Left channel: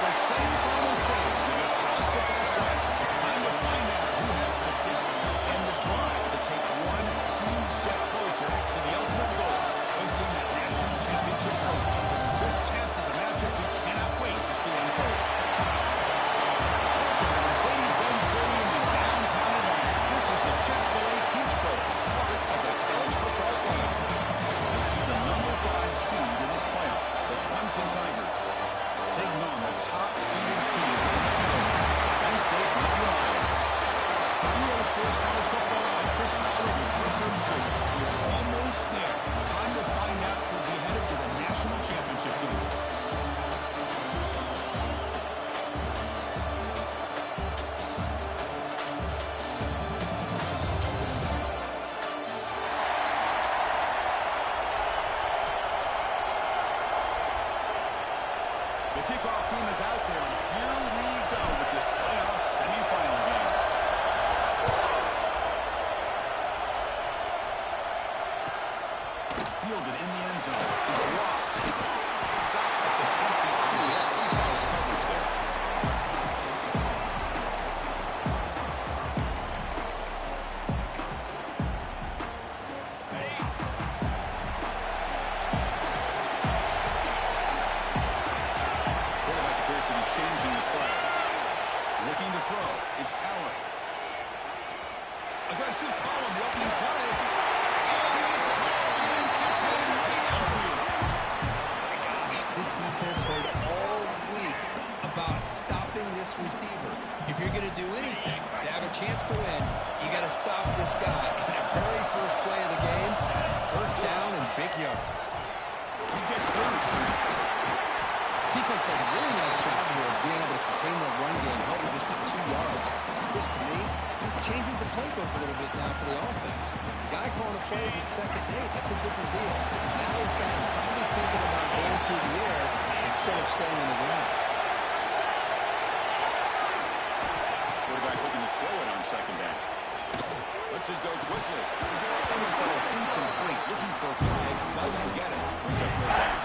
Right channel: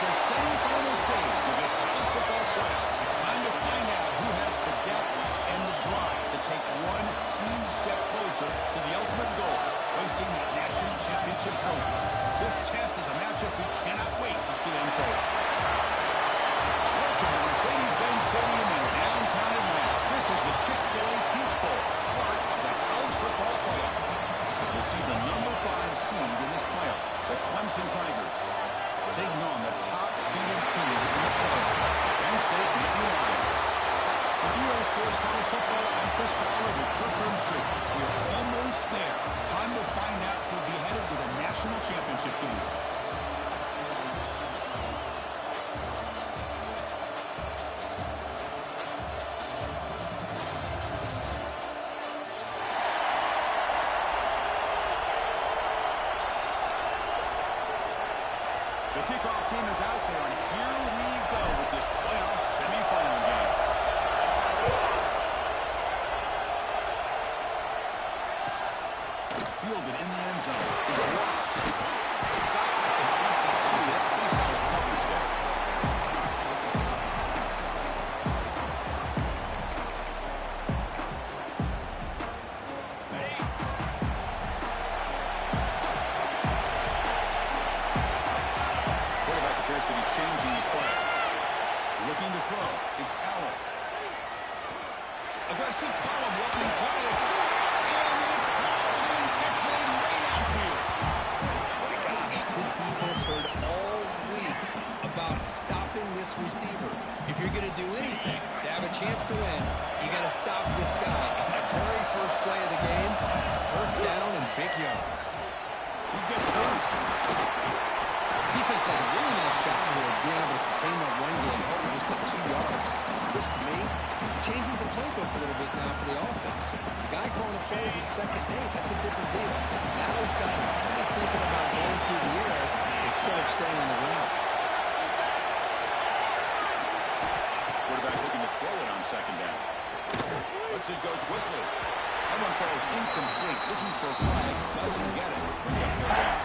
The semifinal stage of this college football playoff. It's time to find out who has the depth and the drive to take one huge step closer to the ultimate goal, hoisting that national championship trophy. This test is a matchup we cannot wait to see unfold. Welcome to Mercedes-Benz Stadium in downtown Atlanta. This is the Chick-fil-A Peach Bowl, part of the college football playoff. We'll see the number 5 seed in this playoff, the Clemson Tigers, taking on the top-seeded team in the playoff, Penn State Nittany Lions. For EA Sports College Football, I'm Chris Fowler with Brooklyn Street. We're almost there. Time to find out who'll be headed to the national championship game. kickoff team is out there, and here we go with this playoff semifinal game. Fielded in the end zone. It's lost. Stopped at the 22. That's pretty solid coverage there. Quarterback appears to be changing the play. Looking to throw. It's Allen. Aggressive call on the opening play. And it's all in. Catch made way downfield. My gosh, this defense heard all week about stopping this receiver. If you're going to do anything to have a chance to win, you got to stop this guy. In the very first play of the game, first down and big yards. He gets loose. Defense does a really nice job here of being able to contain that run game, held just by 2 yards. Chris, to me, this changes the playbook a little bit now for the offense. The guy calling the plays at 2nd and 8, that's a different deal. Now he's got him probably thinking about going through the air instead of staying on the ground. Quarterback looking to throw it on 2nd down. Lets it go quickly. That one falls incomplete. Looking for a flag. Doesn't get it. Brings up 3rd down.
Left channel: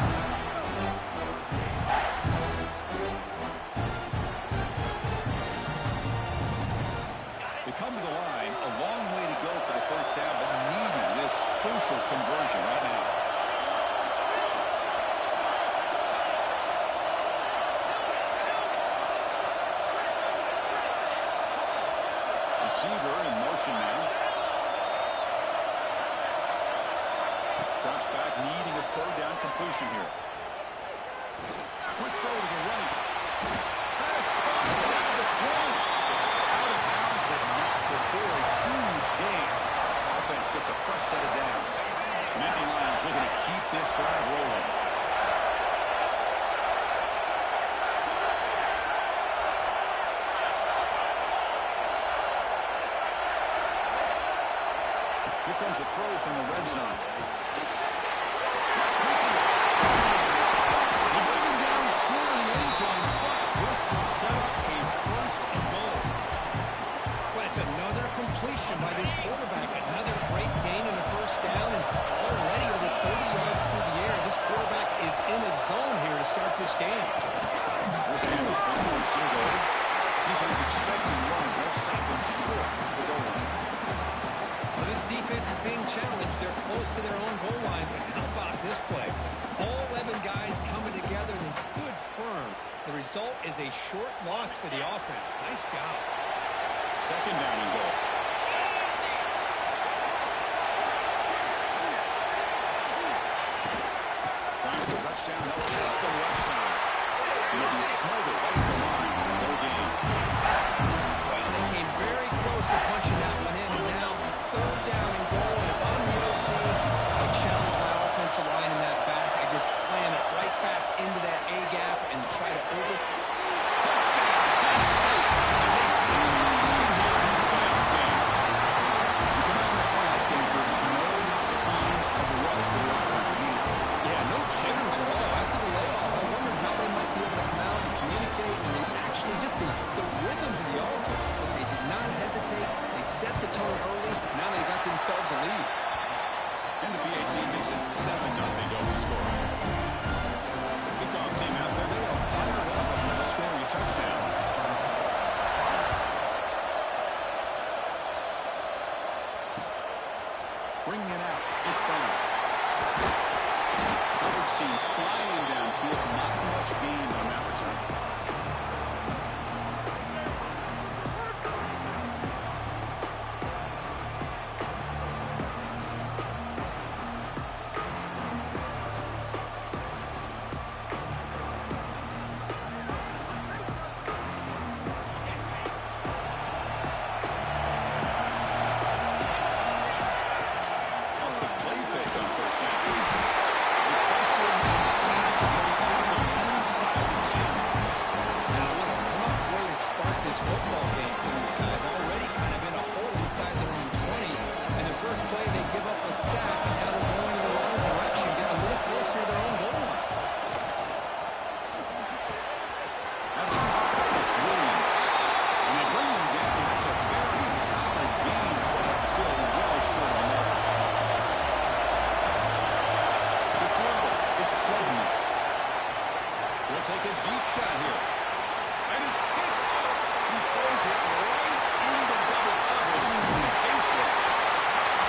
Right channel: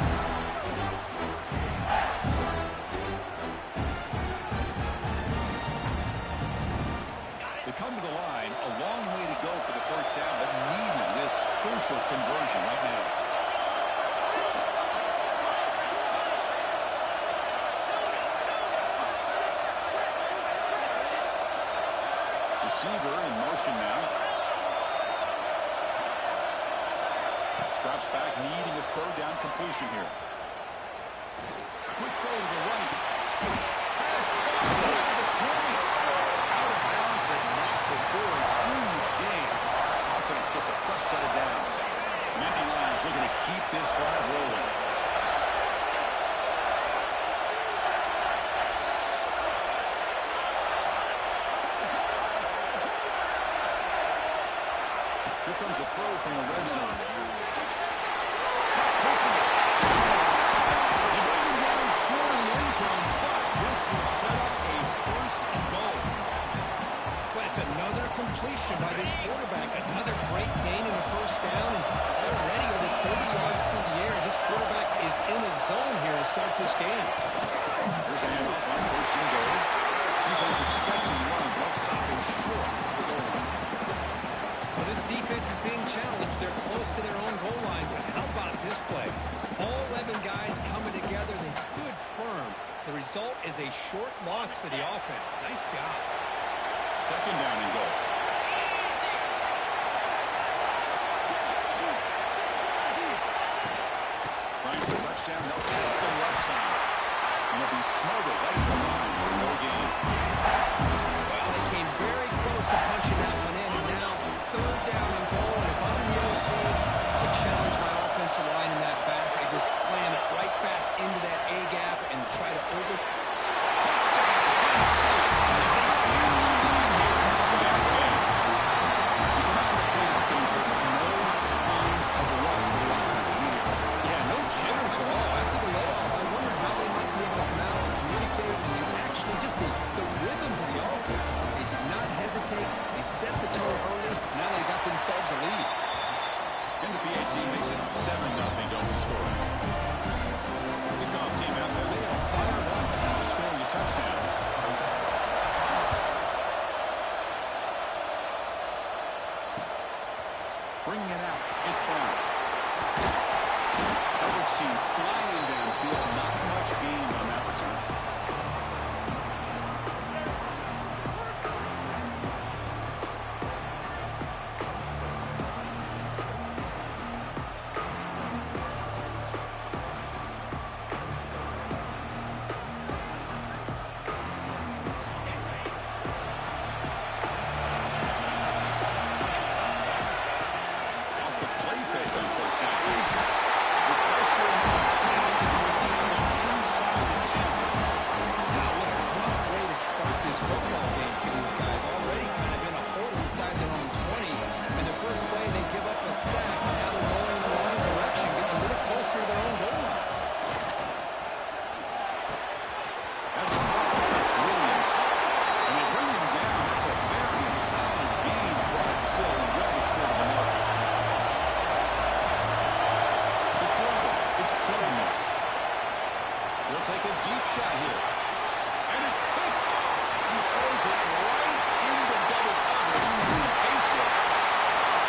They come to the line. A long way to go for the first down, but needing this crucial conversion right now. Receiver in motion now. Drops back, needing a 3rd down completion here. A quick throw to the right. Pass caught by the 20. Out of bounds, but not before a huge gain. Offense gets a fresh set of downs. Nittany Lions looking to keep this drive rolling. Here comes a throw from the red zone. They bring him down short of the end zone, but this will set up a 1st and goal. Well, it's another completion by this quarterback. Another great gain in the 1st down, and already over 30 yards through the air. This quarterback is in a zone here to start this game. Here's the handoff on 1st and goal. Defense expecting run. They'll stop him short of the goal line. Well, this defense is being challenged. They're close to their own goal line, but how about this play? All 11 guys coming together. They stood firm. The result is a short loss for the offense. Nice job. 2nd down and goal. Trying for a touchdown. They'll test the left side. It'll be smothered right at the line for no gain. Well, they came very close to punching that one in, and now 3rd down and goal. And if I'm the OC, I challenge my offensive line in that back. I just slam it right back into that A gap and try to over. Touchdown, Penn State, as they cleanly lead here in this playoff game. We come out in the playoff game for no signs of rust for the offense immediately. Yeah, no jitters at all. After the layoff, I wondered how they might be able to come out and communicate, and they actually just the rhythm to the offense, but they did not hesitate. They set the tone early. Now they got themselves a lead. And the PA team makes it 7-0 to open scoring. Kickoff team out there, they are fired up after just scoring a touchdown. Bringing it out, it's Brown. Coverage team flying downfield, not much gained on that return. This football game for these guys, already kind of in a hole inside their own 20, and the first play they give up a sack, and now they're going in the wrong direction, getting a little closer to their own goal line. Williams. And they bring him down. That's a very solid gain, but still well short of the mark. The throw. It's FatMan. He'll take a deep shot here. And it's picked off. He throws it right into double coverage and pays for it.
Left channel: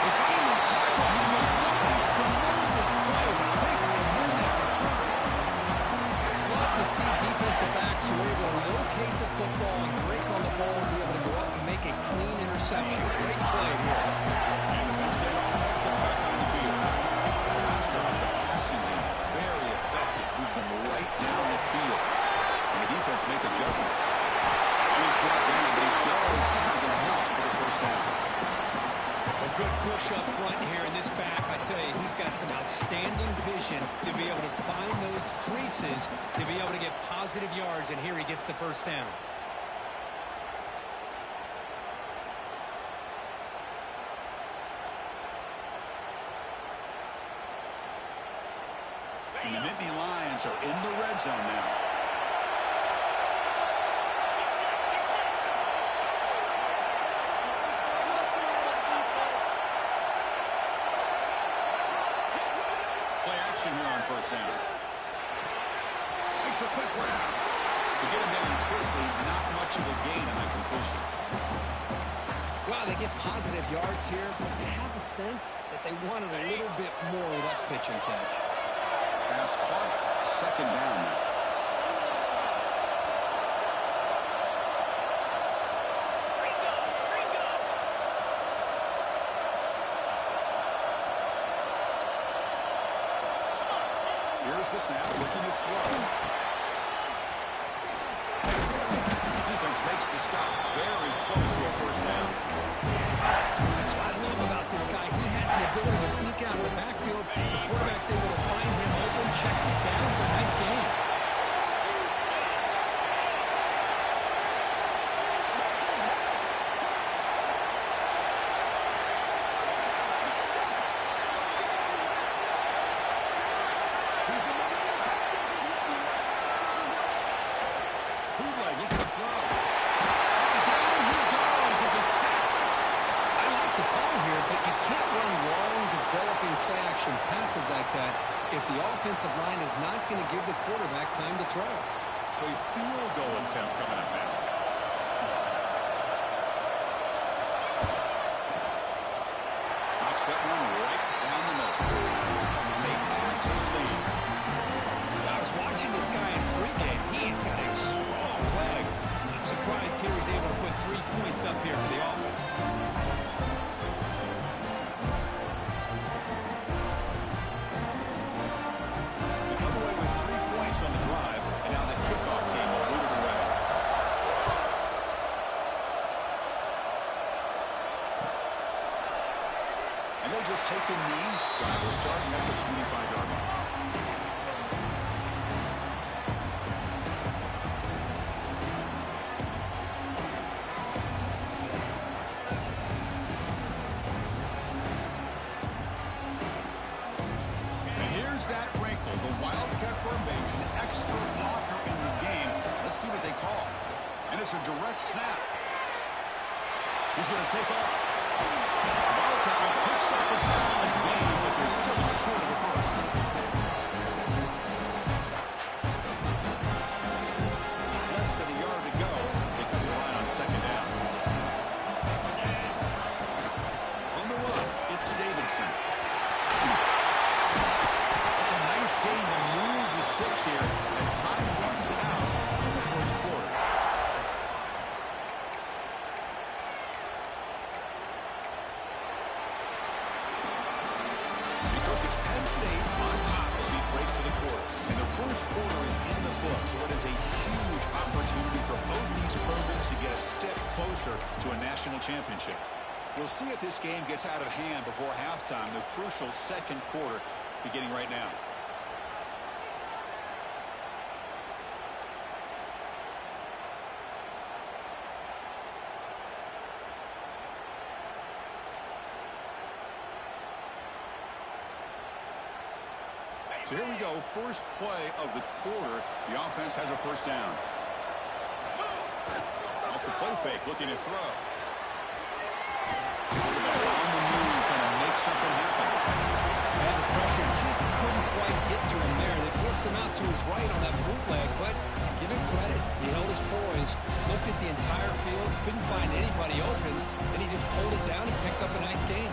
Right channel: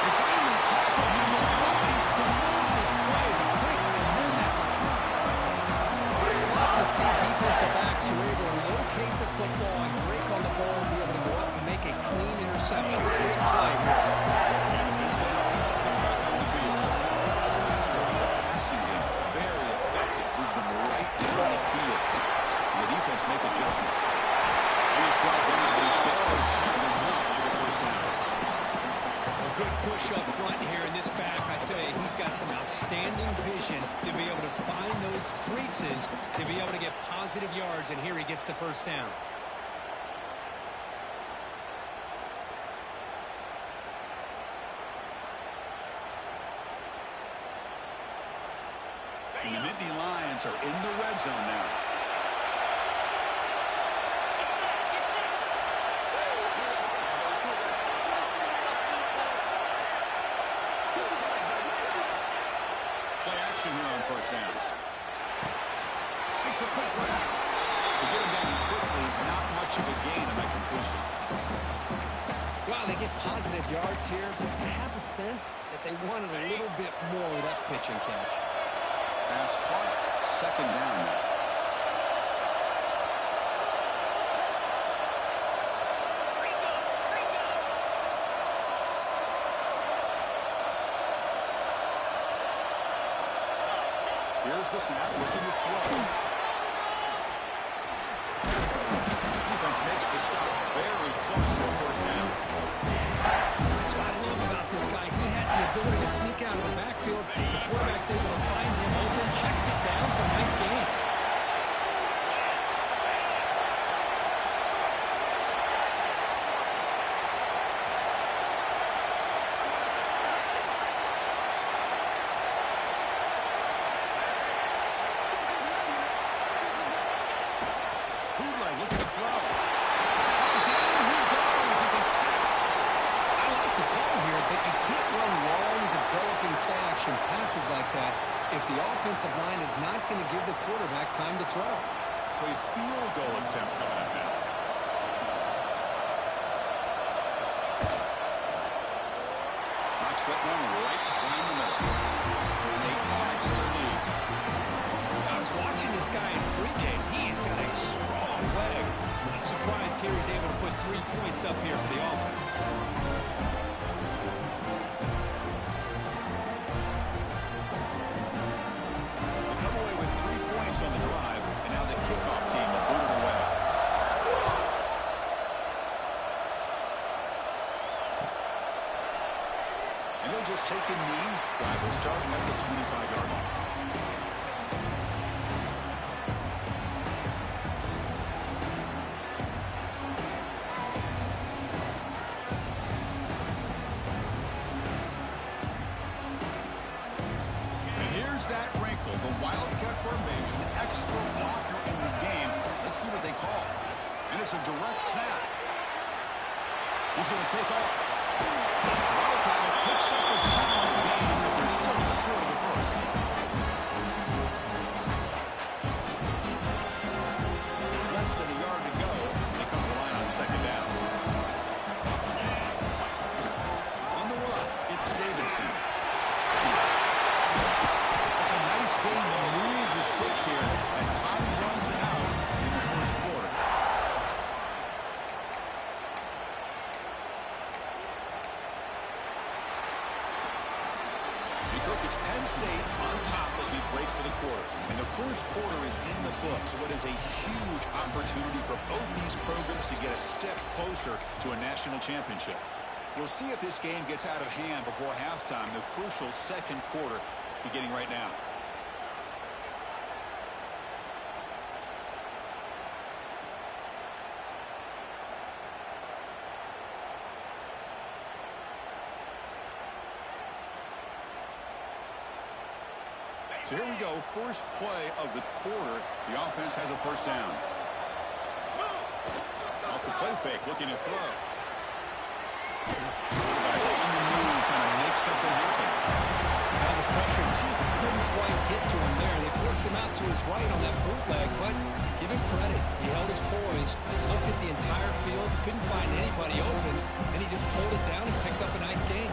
They finally tackle him with a tremendous play. The pick and then that return. Love to see defensive backs who are able to locate the football and break on the ball and be able to go up and make a clean interception. Great play here. And the Penn State offense gets back on the field. Master on the passing game. Very effective. Moved them right down the field. And the defense make adjustments. And he's brought down, but he does have enough for the first down. A good push up front here in this back. I tell you, he's got some outstanding vision to be able to find those creases, to be able to get positive yards, and here he gets the first down. And the Nittany Lions are in the red zone now. Play action here on first down. Makes a quick grab. To get him down quickly, not much of a gain on that completion. Wow, they get positive yards here, but I have a sense that they wanted a little bit more with that pitch and catch. Pass caught. Second down now. Here's the snap, looking to throw. Defense makes the stop very close to a first down. That's what I love about this guy. He has the ability to sneak out of the backfield. The quarterback's able to find him open, checks it down for a nice gain. Looking to throw. Oh, down he goes. It's a sack. I like the call here, but you can't run long, developing play-action passes like that if the offensive line is not going to give the quarterback time to throw. So a field goal attempt coming up now. Knocks that one right down the middle. And they add to the lead. I was watching this guy in pregame. He's got a strong leg. Not surprised here he's able to put 3 points up here for the offense. They come away with 3 points on the drive, and now the kickoff team will boot it away. And they'll just take a knee. Drive will start at the 25-yard line. That wrinkle, the Wildcat formation, extra blocker in the game. Let's see what they call. And it's a direct snap. He's going to take off. Wildcat picks up a solid gain, but they're still short of the first. Less than a yard to go as they come to the line on second down. On the run, it's Davidson. It's a nice game to move the sticks here as time runs out in the first quarter. Because it's Penn State on top as we break for the quarter. And the first quarter is in the books, so it is a huge opportunity for both these programs to get a step closer to a national championship. We'll see if this game gets out of hand before halftime, the crucial second quarter beginning right now. So here we go, first play of the quarter. The offense has a first down. fake, looking to throw. Quarterback on the move, trying to make something happen. And the pressure just couldn't quite get to him there. They forced him out to his right on that bootleg, but give him credit. He held his poise, looked at the entire field, couldn't find anybody open, and he just pulled it down and picked up a nice gain.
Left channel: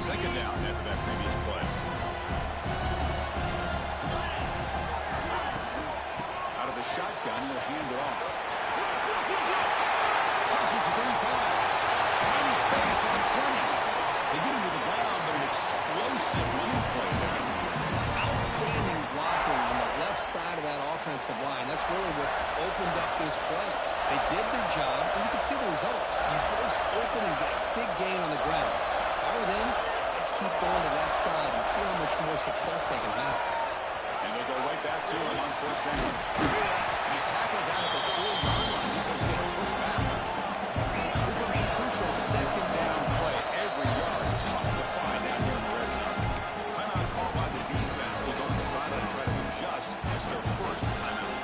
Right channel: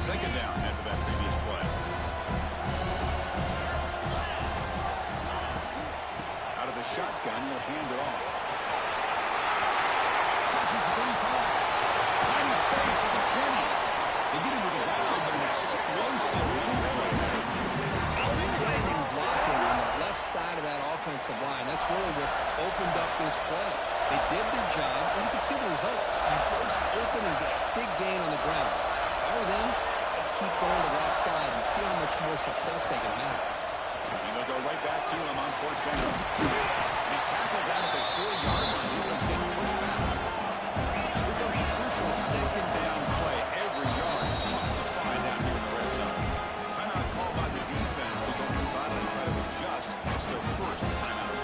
Second down after that previous play. Out of the shotgun, he'll hand it off. Passes the 35. Finding space at the 20. They get him to the ground, but an explosive running play there. Outstanding blocking on the left side of that offensive line. That's really what opened up this play. They did their job, and you can see the results. You burst open and get a big gain on the ground. If I were them, I'd keep going to that side and see how much more success they can have. And they'll go right back to him on first down. And he's tackled down at the 4-yard line. Defense getting pushed back. Here comes a crucial second down play. Every yard tough to find down here in the red zone. Timeout called by the defense. They'll go to the sideline and try to adjust. That's their first timeout.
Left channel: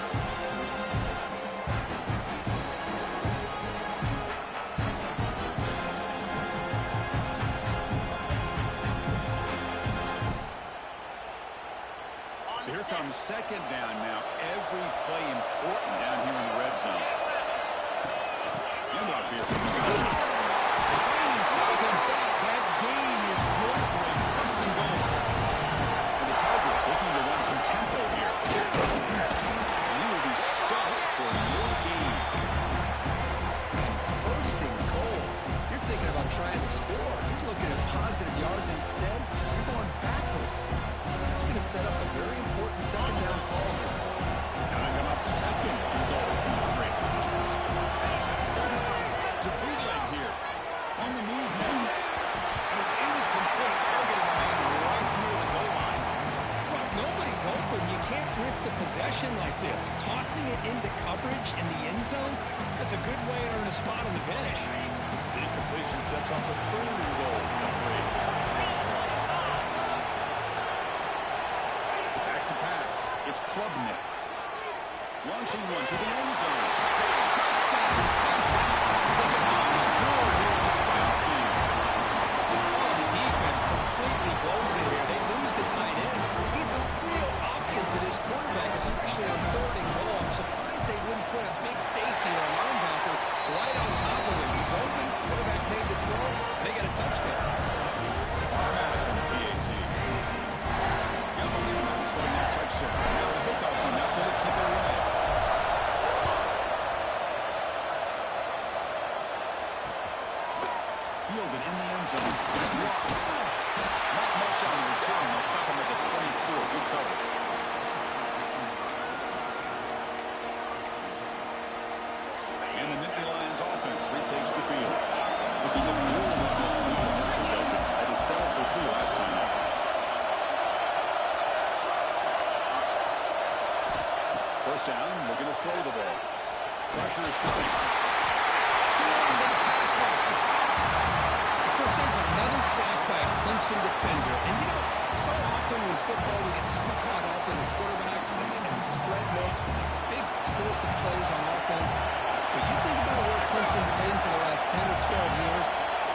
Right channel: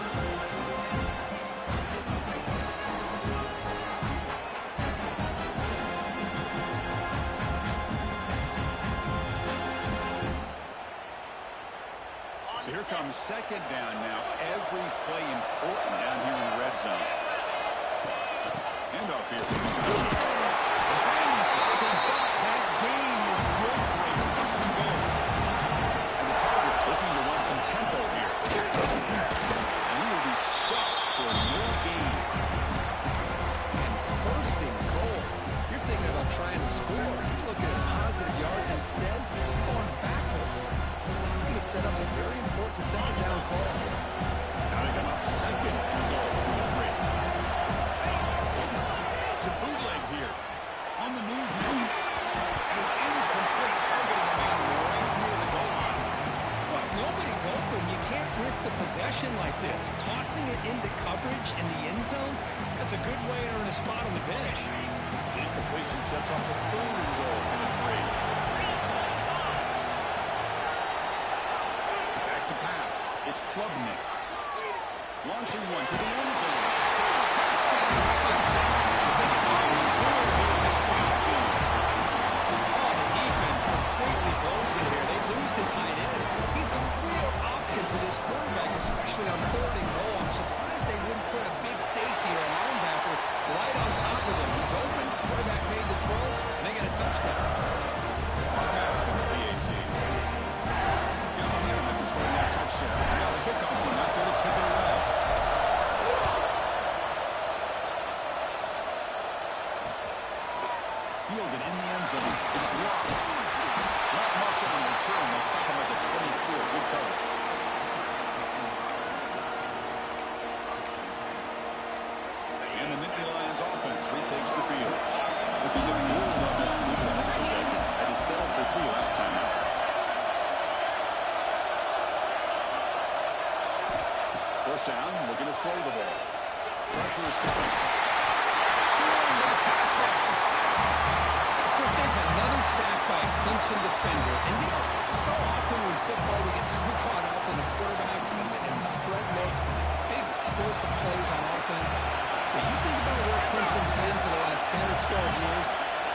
So here comes second down now. Every play important down here in the red zone. Handoff here for the shot. They finally stop him, but that gain is good for a first and goal. And the Tigers looking to run some tempo here. And he will be stuffed for no gain. And it's first and goal. You're thinking about trying to score. You're looking at positive yards instead. You're going backwards. It's going to set up a very important second down call here. Now they come up second and goal from the 3. To bootleg here. On the move now. And it's incomplete, targeting a man right near the goal line. Well, if nobody's open, you can't risk the possession like this. Tossing it into coverage in the end zone, that's a good way to earn a spot on the bench. The incompletion sets up a third and goal from the 3. To pass. It's Klubnik. Launching one to the end zone. Touchdown, Clemson. As they get on the board here in this playoff game. Oh, the defense completely blows it here. They lose the tight end. He's a real option for this quarterback, especially on third and goal. I'm surprised they wouldn't put a big safety or a linebacker right on top of him. He's open. Quarterback made the throw, and they got a touchdown. Automatic on the PAT. Scoring that touchdown. Now the kickoff team out there to kick it away. Fielded in the end zone. It's Ross. Not much on the return. They'll stop him at the 24. Good coverage. And the Nittany Lions offense retakes the field. Looking to build on this lead in this possession. Had to settle for 3 last time out. First down, looking to throw the ball. Pressure is coming. Swung to the pass rush. Of course, there's another sack by a Clemson defender. And, you know, so often in football we get so caught up in the quarterbacks and spread looks and the big explosive plays on offense. But you think about where Clemson's been for the last 10 or 12 years,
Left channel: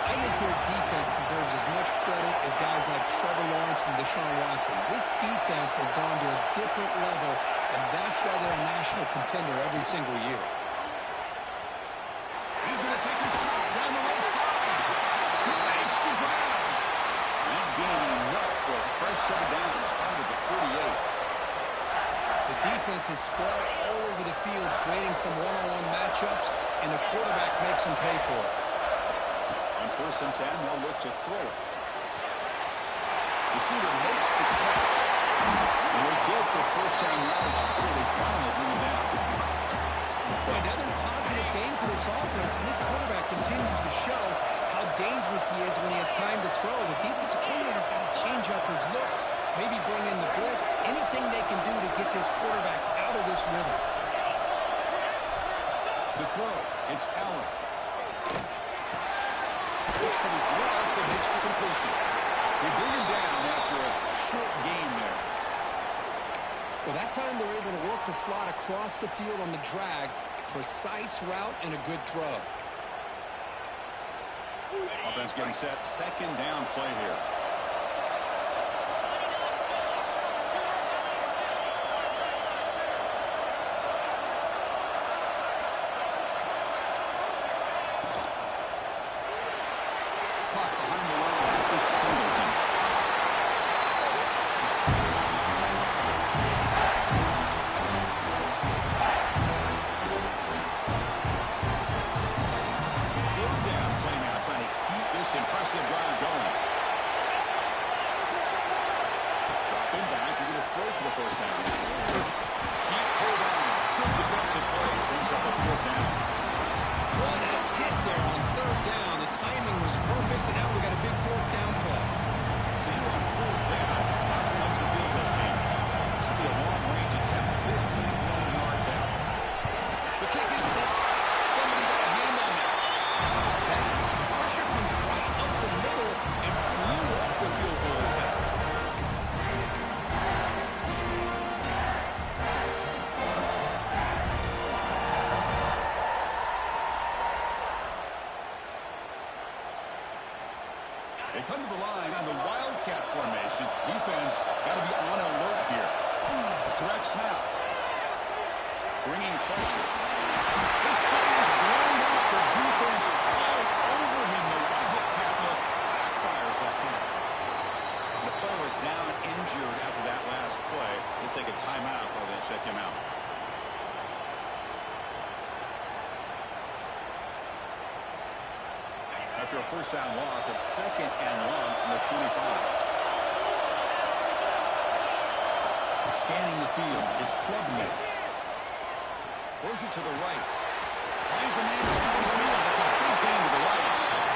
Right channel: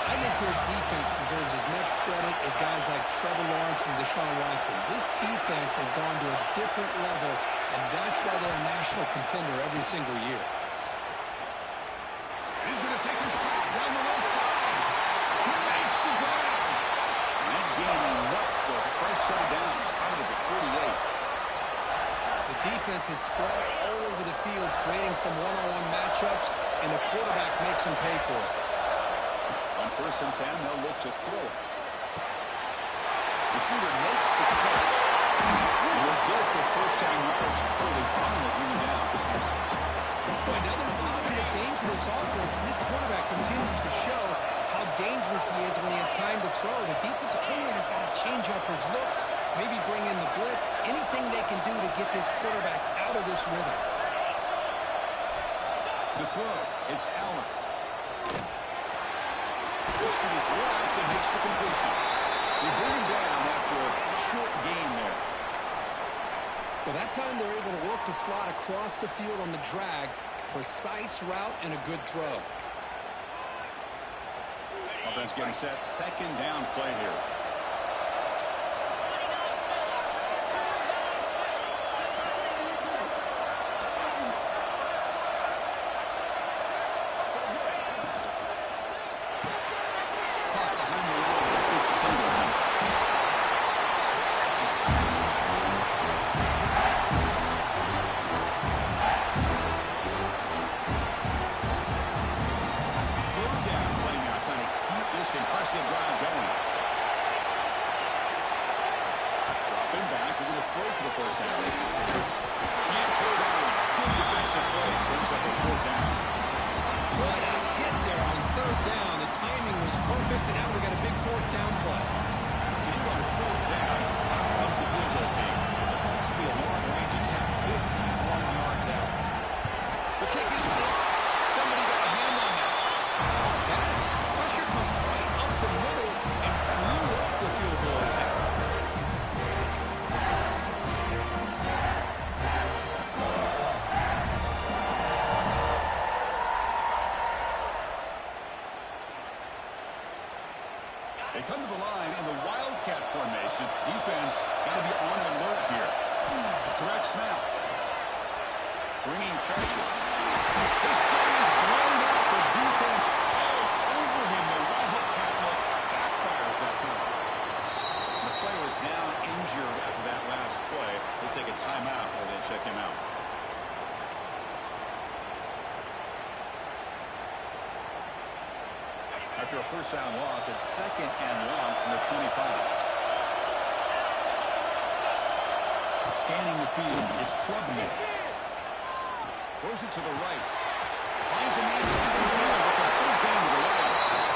I think their defense deserves as much credit as guys like Trevor Lawrence and Deshaun Watson. This defense has gone to a different level, and that's why they're a national contender every single year. He's going to take a shot down the left side. He makes the grab. That gain enough for a fresh set of downs, spotted at the 48. The defense is spread all over the field, creating some one-on-one matchups, and the quarterback makes them pay for it. On first and 10, they'll look to throw it. Receiver makes the catch. And he'll get the first down yards before they finally bring him down. Boy, another positive gain for this offense, and this quarterback continues to show how dangerous he is when he has time to throw. The defensive coordinator's got to change up his looks, maybe bring in the blitz, anything they can do to get this quarterback out of this rhythm. To throw, it's Allen. Looks to his left and makes the completion. They bring him down after a short gain there. Well, that time they're able to work the slot across the field on the drag, precise route and a good throw. Offense getting set. Second down play here. Caught behind the line. It's Singleton. Third down play now, trying to keep this impressive drive going. Dropping back, we're going to throw for the first down. Can't hold on. Good defensive play. Brings up a fourth down. What a hit there on third down. The timing was perfect, and now we got a big fourth down play. So here on fourth down, out comes the field goal team. This will be a long-range attempt, 51 yards out. The kick is blocked. Somebody got a hand on that. How about that? The pressure comes right up the middle and blew up the field goal attempt. They come to the line in the Wildcat formation. Defense got to be on alert here. Direct snap. Bringing pressure. This play is blown up. The defense all over him. The Wildcat look backfires that time. The player is down injured after that last play. They'll take a timeout while they check him out. After a first down loss, it's second and long from the 25. Scanning the field, it's Klubnik. Throws it to the right. Finds a man downfield. It's a big gain to the right.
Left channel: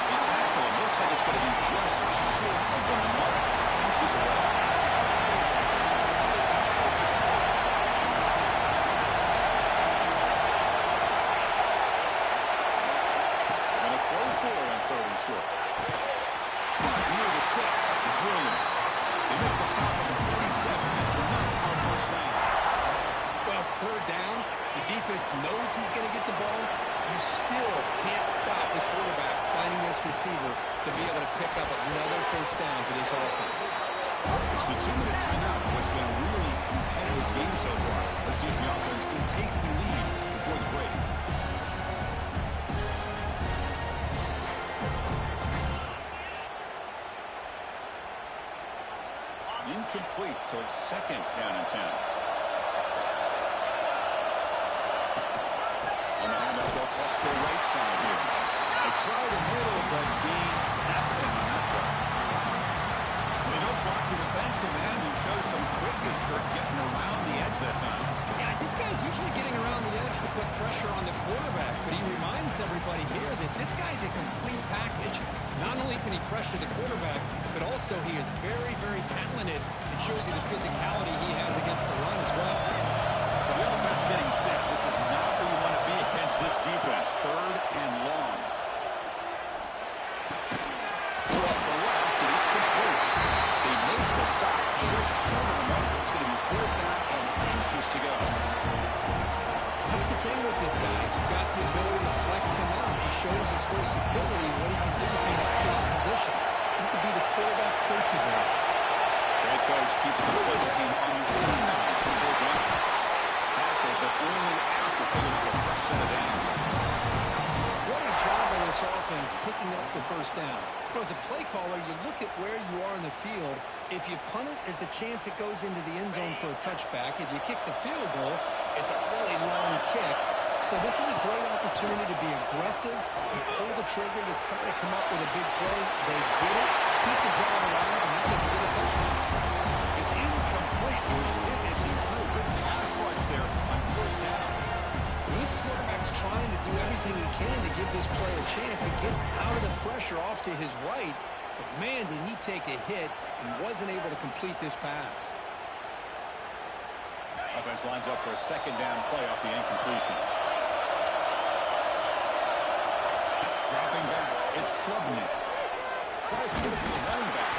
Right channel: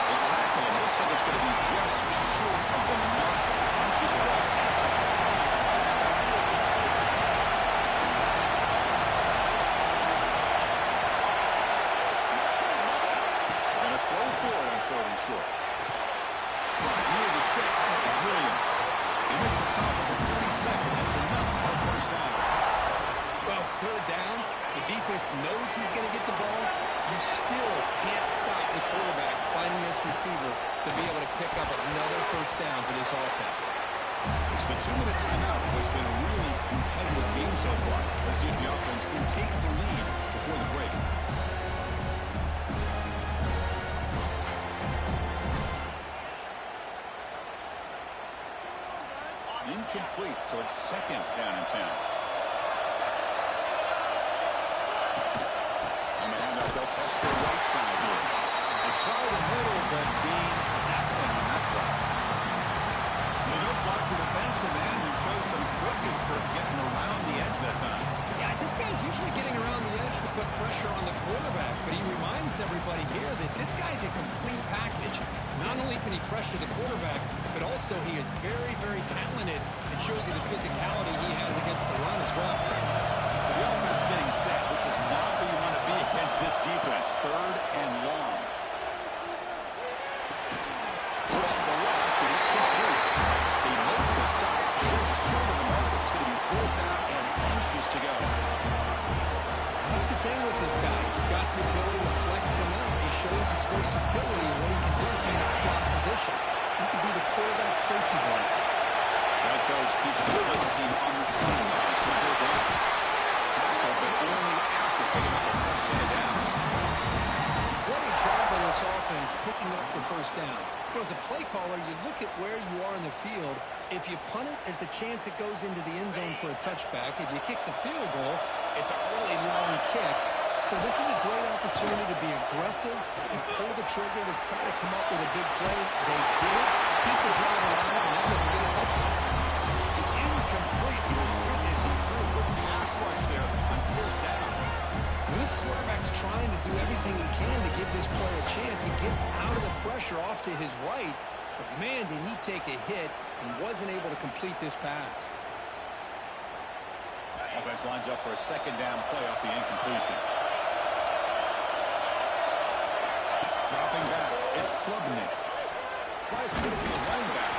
They tackle him. Looks like it's going to be just short of the mark. Inches away. Throw forward on third and short. Near the sticks, it's Williams. They make the stop at the 47. That's enough for a first down. Well, it's third down. The defense knows he's going to get the ball. You still can't stop the quarterback finding this receiver to be able to pick up another first down for this offense. It's the 2-minute timeout of what's been a really competitive game so far. Let's see if the offense can take the lead before the break. Incomplete, so it's second down and 10. On the handoff, they'll test their right side here. They try the middle, but gain nothing on that play. They don't block the defensive end, who shows some quickness, Kirk, getting around the edge that time. Yeah, this guy's usually getting around the edge to put pressure on the quarterback, but he reminds everybody here that this guy's a complete package. Not only can he pressure the quarterback, but also he is very, very talented and shows you the physicality he has against the run as well. So the offense getting set. This is not where you want to be against this defense. Third and long. Push to the left, and it's complete. They make the stop just short of the marker. It's going to be fourth down and inches to go. That's the thing with this guy. You've got the ability to flex him out. He shows his versatility and what he can do from that slot position. He could be the quarterback safety blanket. The head coach keeps the play team on the sidelines for fourth down. Tackle, but only after picking up a fresh set of downs. What a job by this offense picking up the first down. As a play caller, you look at where you are in the field. If you punt it, there's a chance it goes into the end zone for a touchback. If you kick the field goal, it's a really long kick. So this is a great opportunity to be aggressive and pull the trigger to try to come up with a big play. They get it, keep the drive alive, and now they can get a touchdown. It's incomplete. He was hit as he threw. Good pass rush there on first down. Well, this quarterback's trying to do everything he can to give this play a chance. He gets out of the pressure off to his right, but man, did he take a hit and wasn't able to complete this pass. Offense lines up for a second down play off the incompletion. Dropping back, it's Klubnik. Tries to get the running back.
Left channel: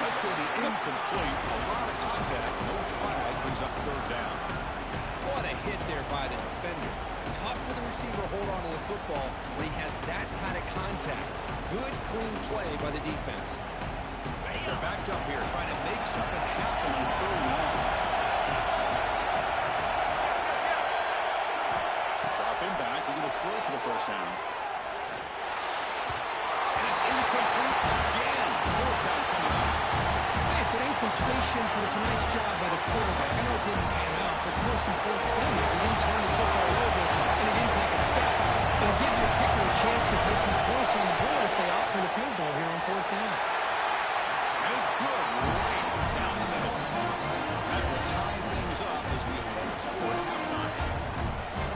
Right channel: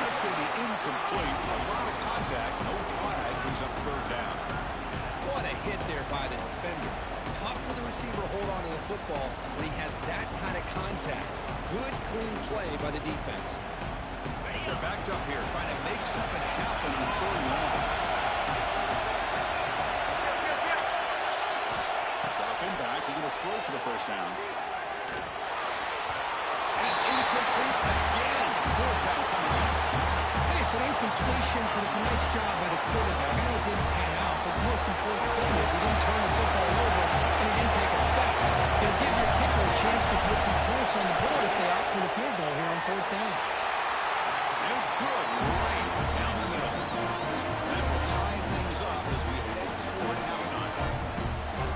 That's going to be incomplete. A lot of contact, no flag, brings up third down. What a hit there by the defender. Tough for the receiver to hold on to the football when he has that kind of contact. Good, clean play by the defense. They're backed up here, trying to make something happen on 3rd and long. Dropping back, we're going to throw for the first down. And it's incomplete again. 4th down coming up. Hey, it's an incompletion, but it's a nice job by the quarterback. I know it didn't pan out, but the most important thing is he didn't turn the football over and he didn't take a sack. It'll give your kicker a chance to put some points on the board if they opt for the field goal here on 4th down. And it's good, right down the middle. That will tie things up as we head toward halftime.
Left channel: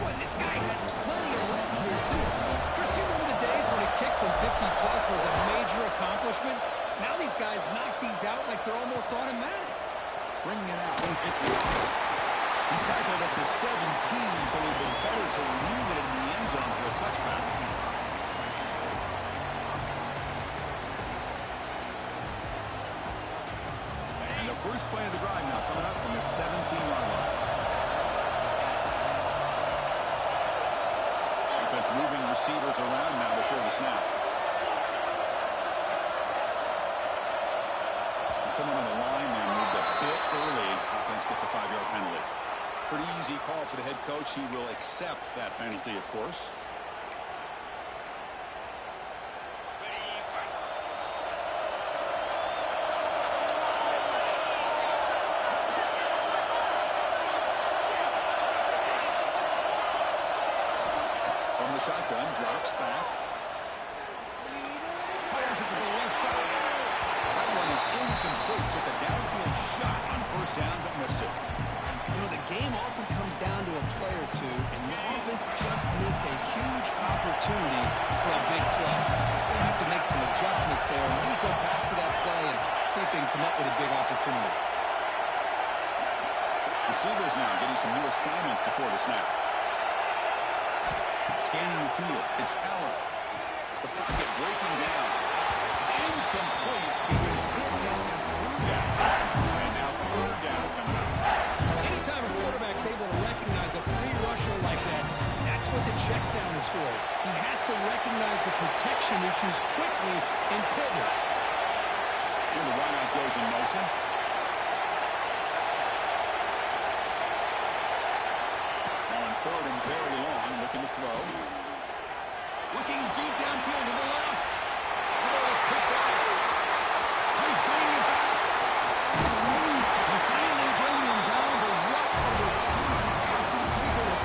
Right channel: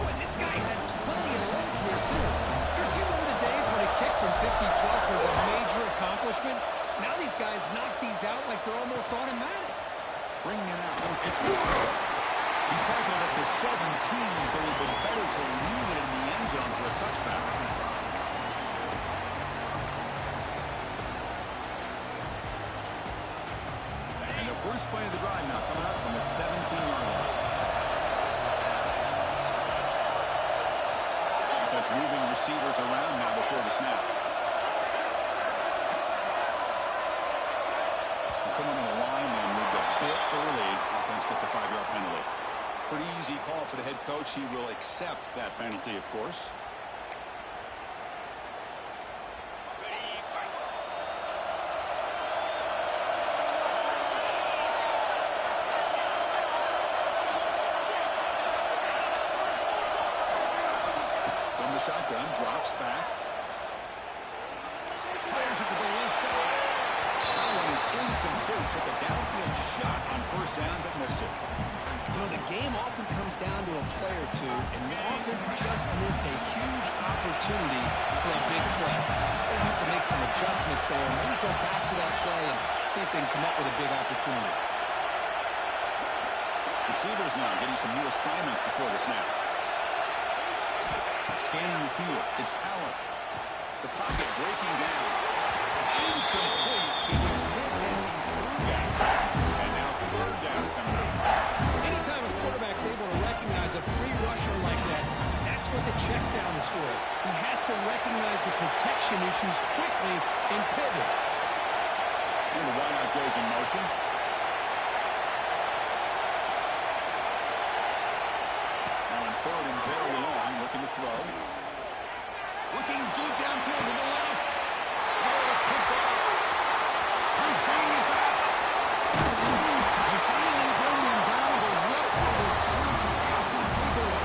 Boy, this guy had plenty of leg here, too. Chris, you remember the days when a kick from 50-plus was a major accomplishment? Now these guys knock these out like they're almost automatic. Bringing it out. It's Ross. He's tackled at the 17, so it would have been better to leave it in the end zone for a touchback. And the first play of the drive now coming up from the 17-yard line. Defense moving receivers around now before the snap. Someone on the line and moved a bit early. Offense gets a 5-yard penalty. Pretty easy call for the head coach. He will accept that penalty, of course. From the shotgun, drops back. Fires it to the left side. That one is incomplete. Took a downfield shot on 1st down, but missed it. You know, the game often comes down to a play or two, and the offense just missed a huge opportunity for a big play. They have to make some adjustments there, and maybe go back to that play and see if they can come up with a big opportunity. Receivers now getting some new assignments before the snap. Scanning the field. It's Allen. The pocket breaking down. It's incomplete. It was hit as he threw that. And now 3rd down coming up. Anytime a quarterback's able to recognize a free rusher like that, that's what the check down is for. He has to recognize the protection issues quickly and pivot. And the wideout goes in motion. Now in 3rd and very long, looking to throw. Looking deep downfield to the left. The ball is picked off. He's bringing it back. They finally bring him down, but what a return after the takeaway.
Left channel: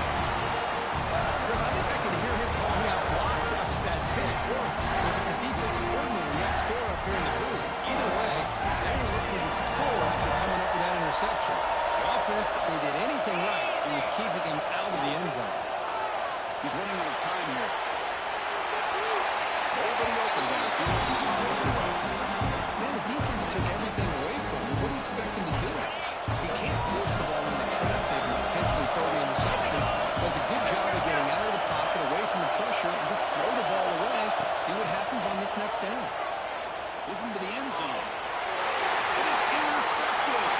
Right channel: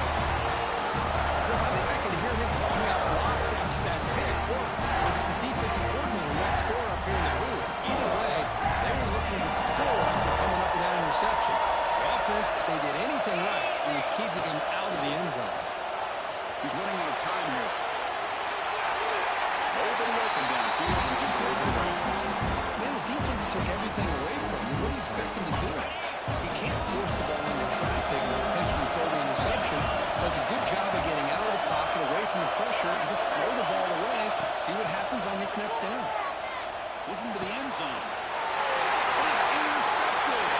Chris, I think I can hear him calling out blocks after that pick. Or was it the defensive coordinator next door up here in the booth? Either way, they were looking to score after coming up with that interception. The offense, they did anything right, and was keeping him out of the end zone. He's running out of time here. Nobody open downfield. He just throws it away. Man, the defense took everything away from him. What do you expect him to do? He can't force the ball into traffic and potentially throw the interception. Does a good job of getting out of the pocket, away from the pressure, and just throw the ball away. See what happens on this next down. Looking to the end zone. It is intercepted.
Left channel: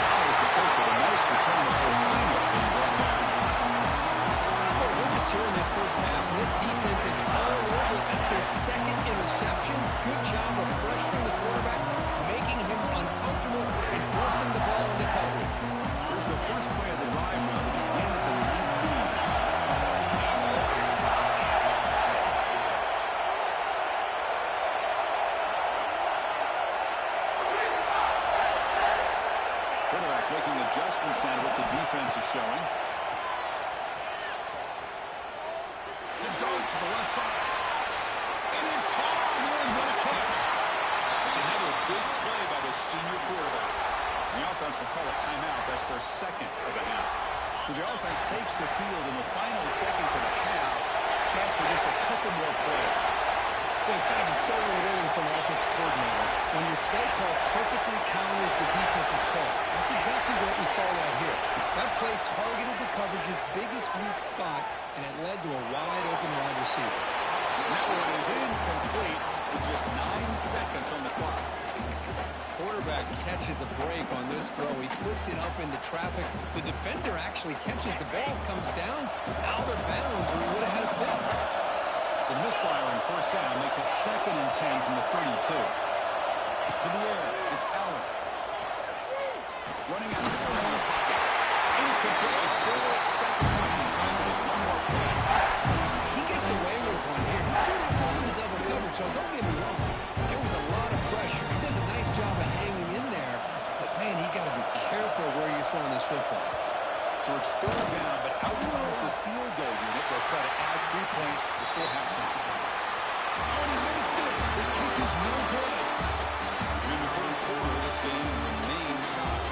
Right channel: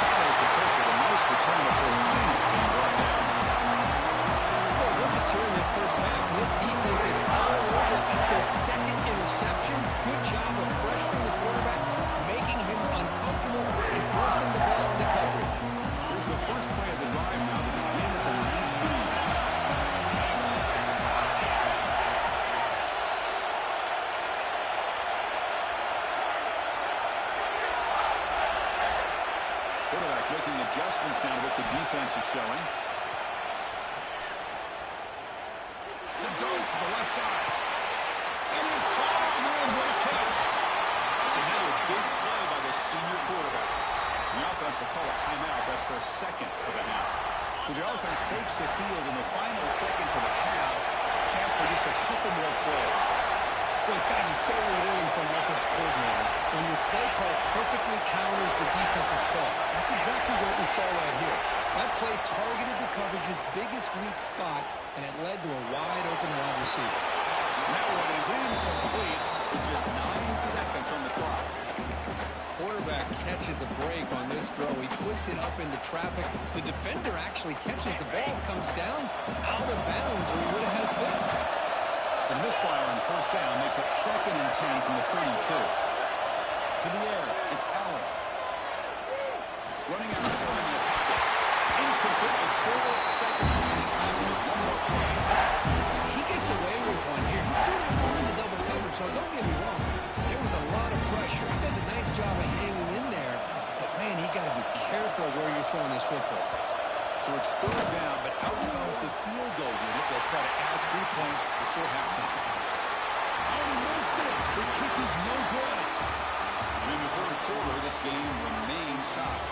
Follows the pick with a nice return before finally being brought down. Well, we're just here in this first half, and this defense is all over. That's their 2nd interception. Good job of pressuring the quarterback, making him uncomfortable, and forcing the ball into coverage. Here's the first play of the drive now to begin at the 19. Quarterback making adjustments down to what the defense is showing. To dart to the left side. And it's hauled in. What a catch. It's another big play by the senior quarterback. The offense will call a timeout. That's their 2nd of the half. So the offense takes the field in the final seconds of the half. Chance for just a couple more plays. Well, it's got to be so rewarding for an offensive coordinator when your play call perfectly counters the defense's call. That's exactly what we saw right here. That play targeted the coverage's biggest weak spot, and it led to a wide-open wide receiver. And that one is incomplete with just 9 seconds on the clock. Quarterback catches a break on this throw. He puts it up into traffic. The defender actually catches the ball, comes down out of bounds, or he would have had a pick. It's a misfire on first down, makes it 2nd and 10 from the 32. To the air, it's Allen. Running out of time in the pocket. Incomplete with 4 seconds remaining. Time for just one more play. He gets away with one here. He threw that ball into double coverage, so don't get me wrong. There was a lot of pressure. He does a nice job of hanging in there. But, man, he got to be careful where you're throwing this football. So it's 3rd down, but out comes the field goal unit. They'll try to add 3 points before halftime. Oh, and he missed it. The kick is no good. And in the 3rd quarter, this game remains tied.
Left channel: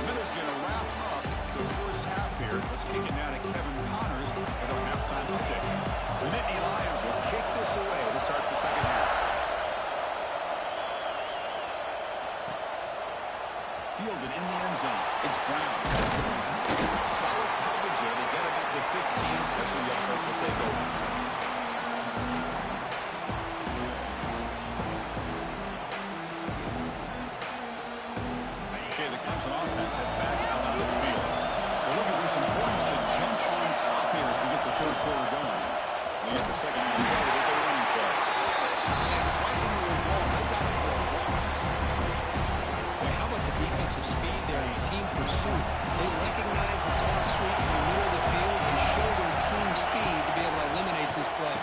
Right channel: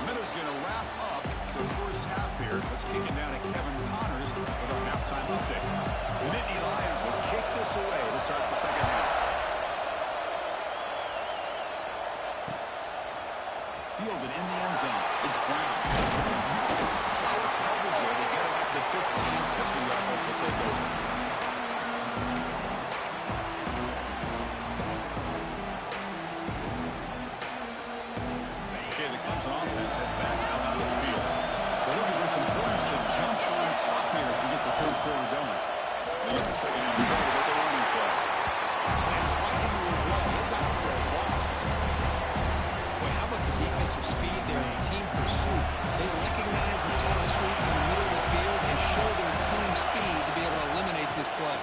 The Minnows going to wrap up the first half here. Let's kick it now to Kevin Connors with our halftime update. The Nittany Lions will kick this away to start the second half. Fielded in the end zone. It's Brown. Solid coverage there. They get him at the 15. That's when the offense will take over. Okay, the Clemson offense heads back out onto the field. They're looking for some points to jump on top here as we get the 3rd quarter going. They get the second half started with the running play. Slams right into a wall. They got him for a loss. Boy, how about the defensive speed there in team pursuit? They recognize the toss sweep from the middle of the field and show their team speed to be able to eliminate this play.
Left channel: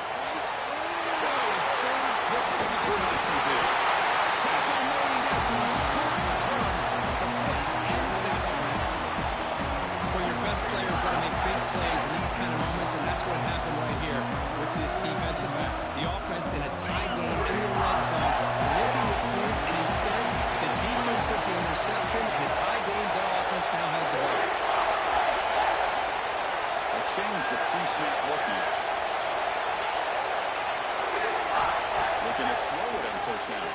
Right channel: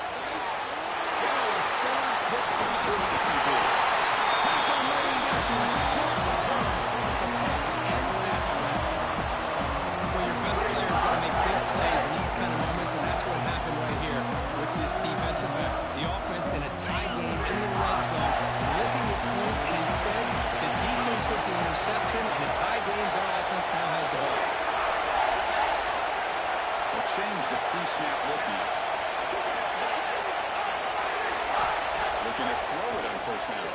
Tackle made after a short return. The play ends that round. Well, your best players got to make big plays in these kind of moments, and that's what happened right here with this defensive back. The offense in a tie game in the red zone, looking at points, and instead, the defense with the interception. In a tie game, their offense now has the ball. They'll change the pre-snap look now. Looking to throw it on first down.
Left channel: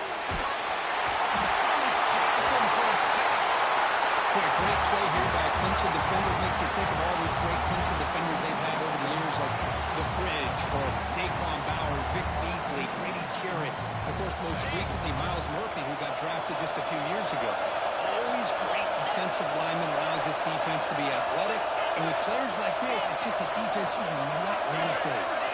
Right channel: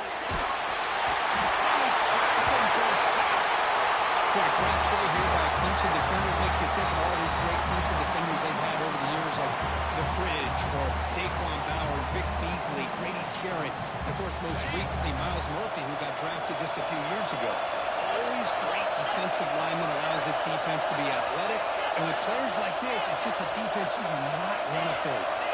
Boy, great play here by a Clemson defender. It makes you think of all these great Clemson defenders they've had over the years, like The Fridge or Daquan Bowers, Vic Beasley, Grady Jarrett, and of course, most recently, Miles Murphy, who got drafted just a few years ago. Always great defensive lineman, allows this defense to be athletic. And with players like this, it's just a defense you do not want to face.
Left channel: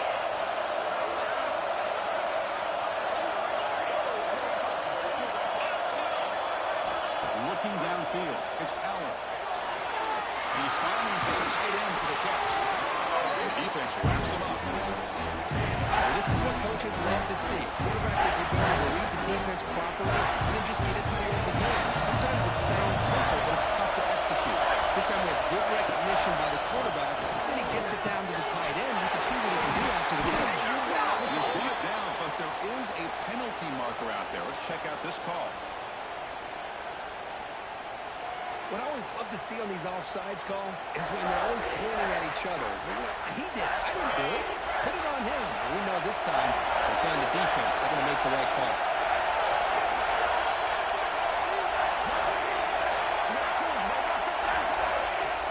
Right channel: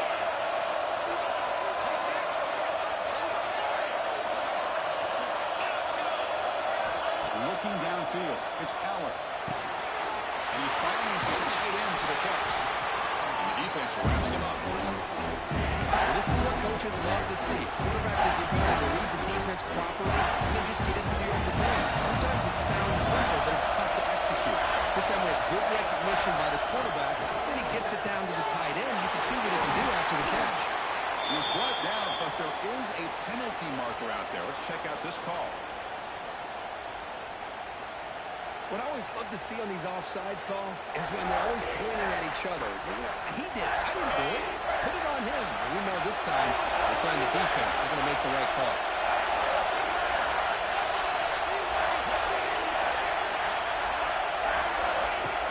Looking downfield, it's Aller. And he finds his tight end for the catch. And the defense wraps him up. Well, this is what coaches love to see. Quarterback with the ability to read the defense properly and then just get it to the open man. Sometimes it sounds simple, but it's tough to execute. This time we have good recognition by the quarterback. Then he gets it down to the tight end. You can see what he can do after the catch. He's brought down, but there is a penalty marker out there. Let's check out this call. What I always love to see on these offsides call is when they're always pointing at each other. He did it. I didn't do it. Put it on him. We know this time it's on the defense. They're going to make the right call.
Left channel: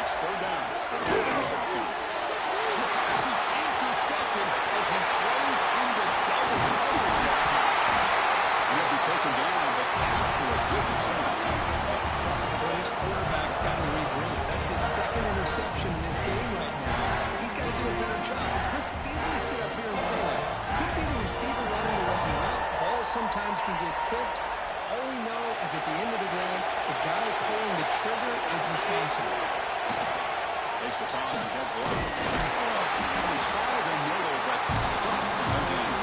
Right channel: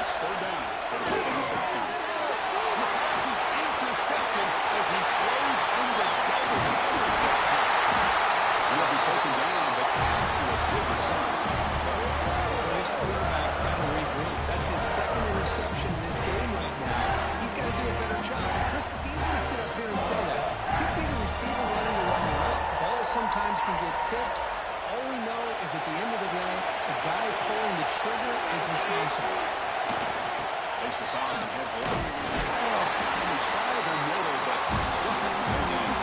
It's 3rd down. They're in the shotgun. The pass is intercepted as he throws into double coverage that time. He'll be taken down, but after a good return. His quarterback's got to regroup. That's his 2nd interception in this game right now. He's got to do a better job. And Chris, it's easy to sit up here and say that. Could be the receiver running the wrong route. Balls sometimes can get tipped. All we know is at the end of the day, the guy pulling the trigger is responsible. Takes the toss and heads left. Oh, he tried the middle, but stuck. No gain.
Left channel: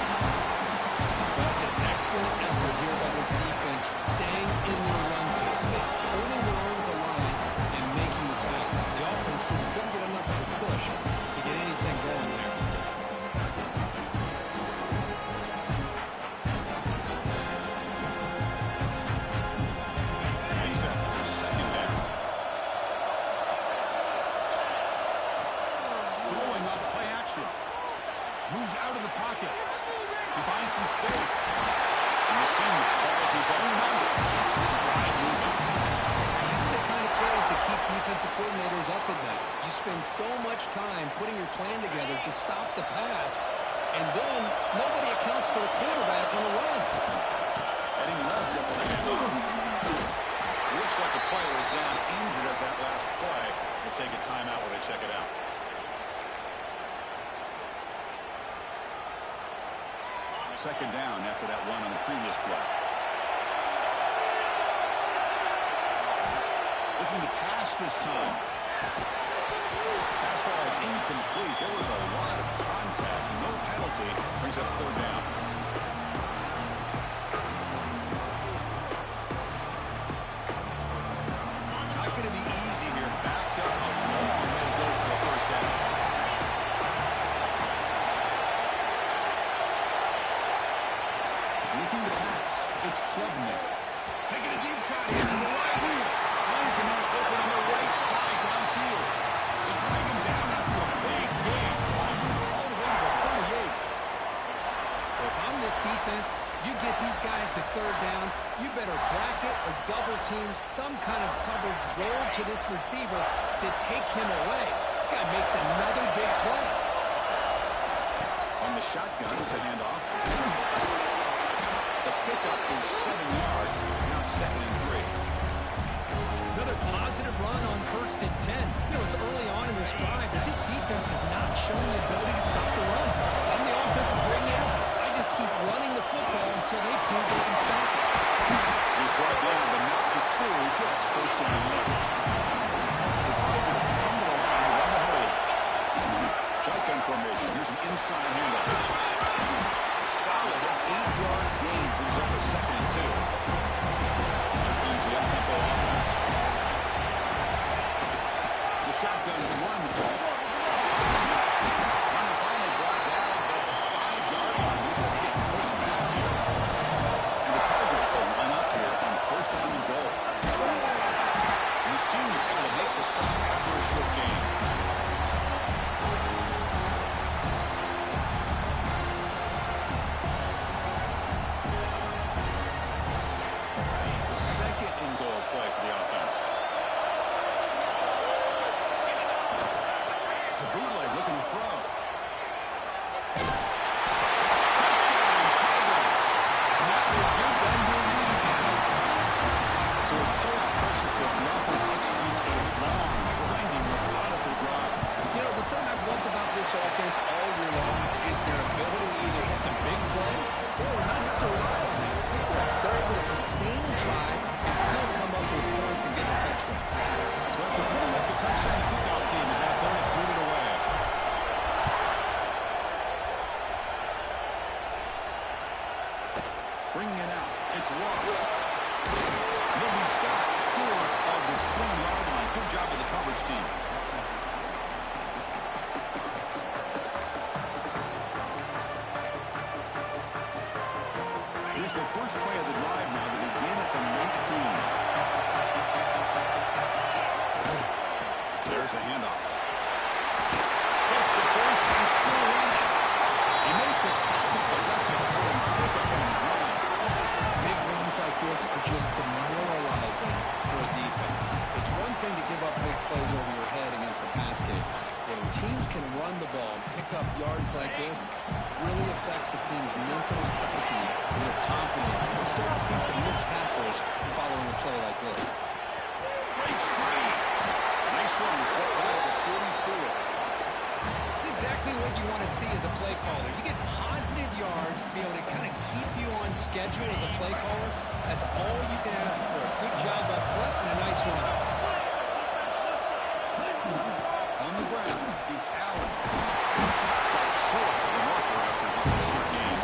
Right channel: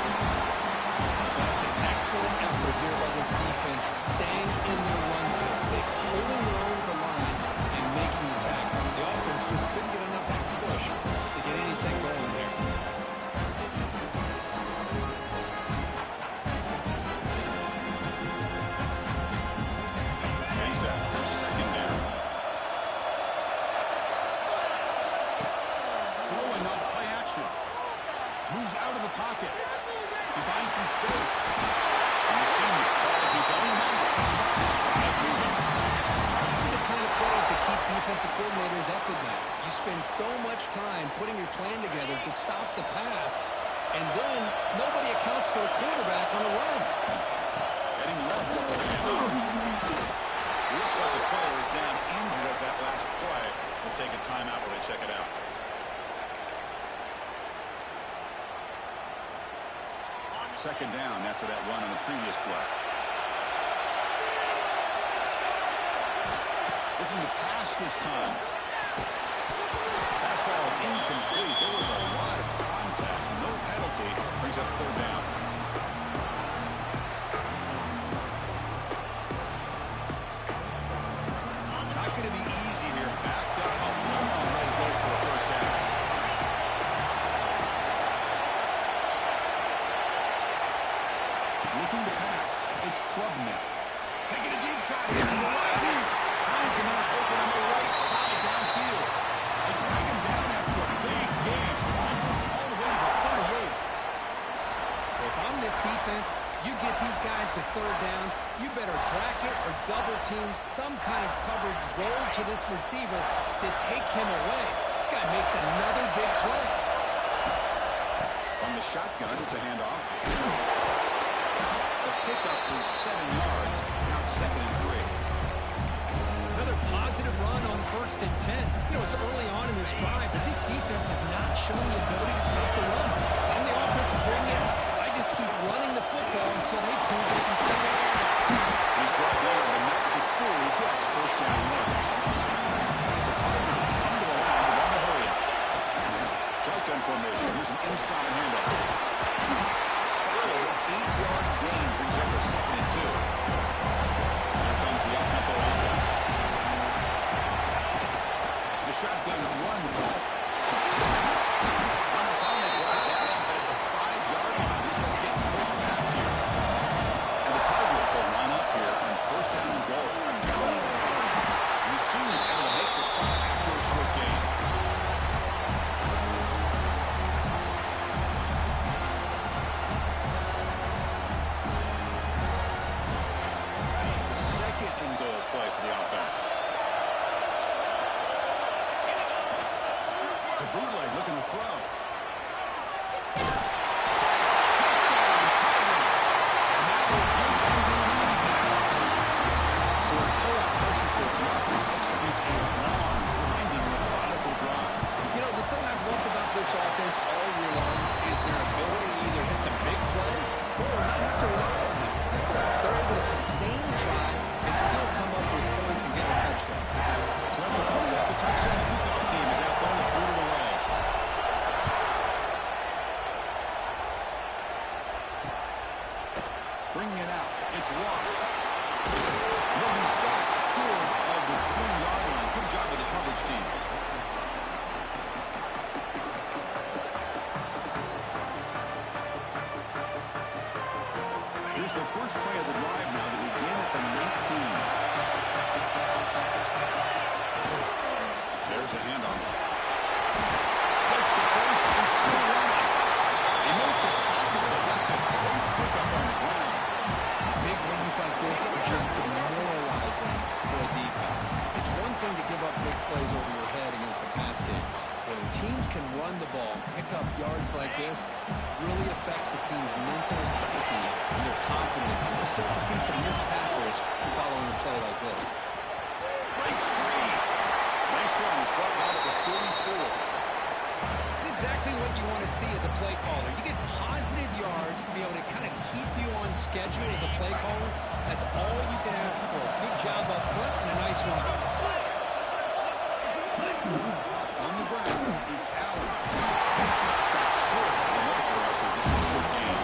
That's an excellent effort here by this defense, staying in their run field, holding their own at the line and making the tackle. The offense just couldn't get enough of a push to get anything going there. He's at their 2nd down. Throwing off play action. Moves out of the pocket. He finds some space. And the senior calls his own number. Keeps this drive moving. These are the kind of plays that keep defensive coordinators up at night. You spend so much time putting your plan together to stop the pass, and then nobody accounts for the quarterback on the run. Heading left at the handoff. Looks like the player is down injured at that last play. We'll take a timeout while they check it out. Second down after that run on the previous play. Looking to pass this time. Pass ball is incomplete. There was a lot of contact. No penalty. Brings up third down. Not going to be easy here. Backed up a long way to go for a first down. Looking to pass. It's Klubnik. Taking a deep shot here to the right. Finds a man open on the right side downfield. They drag him down after a big game. All the way to the 38. Well, if I'm this defense, you get these guys to third down, you better bracket or double team some kind of coverage roll to this receiver to take him away. This guy makes another big play. On the shotgun, it's a handoff. The pickup is 7 yards. Now it's 2nd and 3. Another positive run on 1st and 10. You know, it's early on in this drive, but this defense has not shown the ability to stop the run. I'm the offensive coordinator. I just keep running the football until they prove they can stop it. He's brought down, but not before he gets first down yardage. The Tigers come to the line to run the hurry. Shotgun formation. Here's an inside handoff. Solid 8-yard gain brings up a 2nd and 2. Here comes the up-tempo offense. It's a shotgun run call. Runner finally brought down, but at the 5-yard line, defense getting pushed back here. And the Tigers will line up here on first down and goal. And the senior able to make the stop after a short gain. It's a 2nd and goal play for the offense. It's a bootleg looking to throw. Touchdown, Tigers. And that will give them the lead now. So a pull-out pressure for the offense executes a long, grinding, methodical drive. You know, the thing I've loved about this offense all year long is their ability to either hit the big play or not have to rely on that. Look at this. They're able to sustain drive and still come up with points and get a touchdown. So after putting up the touchdown, the kickoff team is out there to boot it away. Bringing it out. It's Ross. He'll be stopped short of the 20-yard line. Good job with the coverage team. Here's the first play of the drive now to begin at the 19. There's the handoff. That's the first. He's still running. He made the tackle, but that's a great pickup on the ground. Big runs like this are just demoralizing for a defense. It's one thing to give up big plays over your head against the pass game. When teams can run the ball and pick up yards like this, really affects the team's mental psyche and their confidence. And we'll start to see some missed tackles following a play like this. Breaks free. Nice run. He's brought down at the 44. It's exactly what you want to see as a play caller. You get positive yards to be able to kind of keep you on schedule as a play caller. That's all you can ask for. Good job up front and a nice run. On the ground, it's Allen. Stopped short of the marker after just a short game.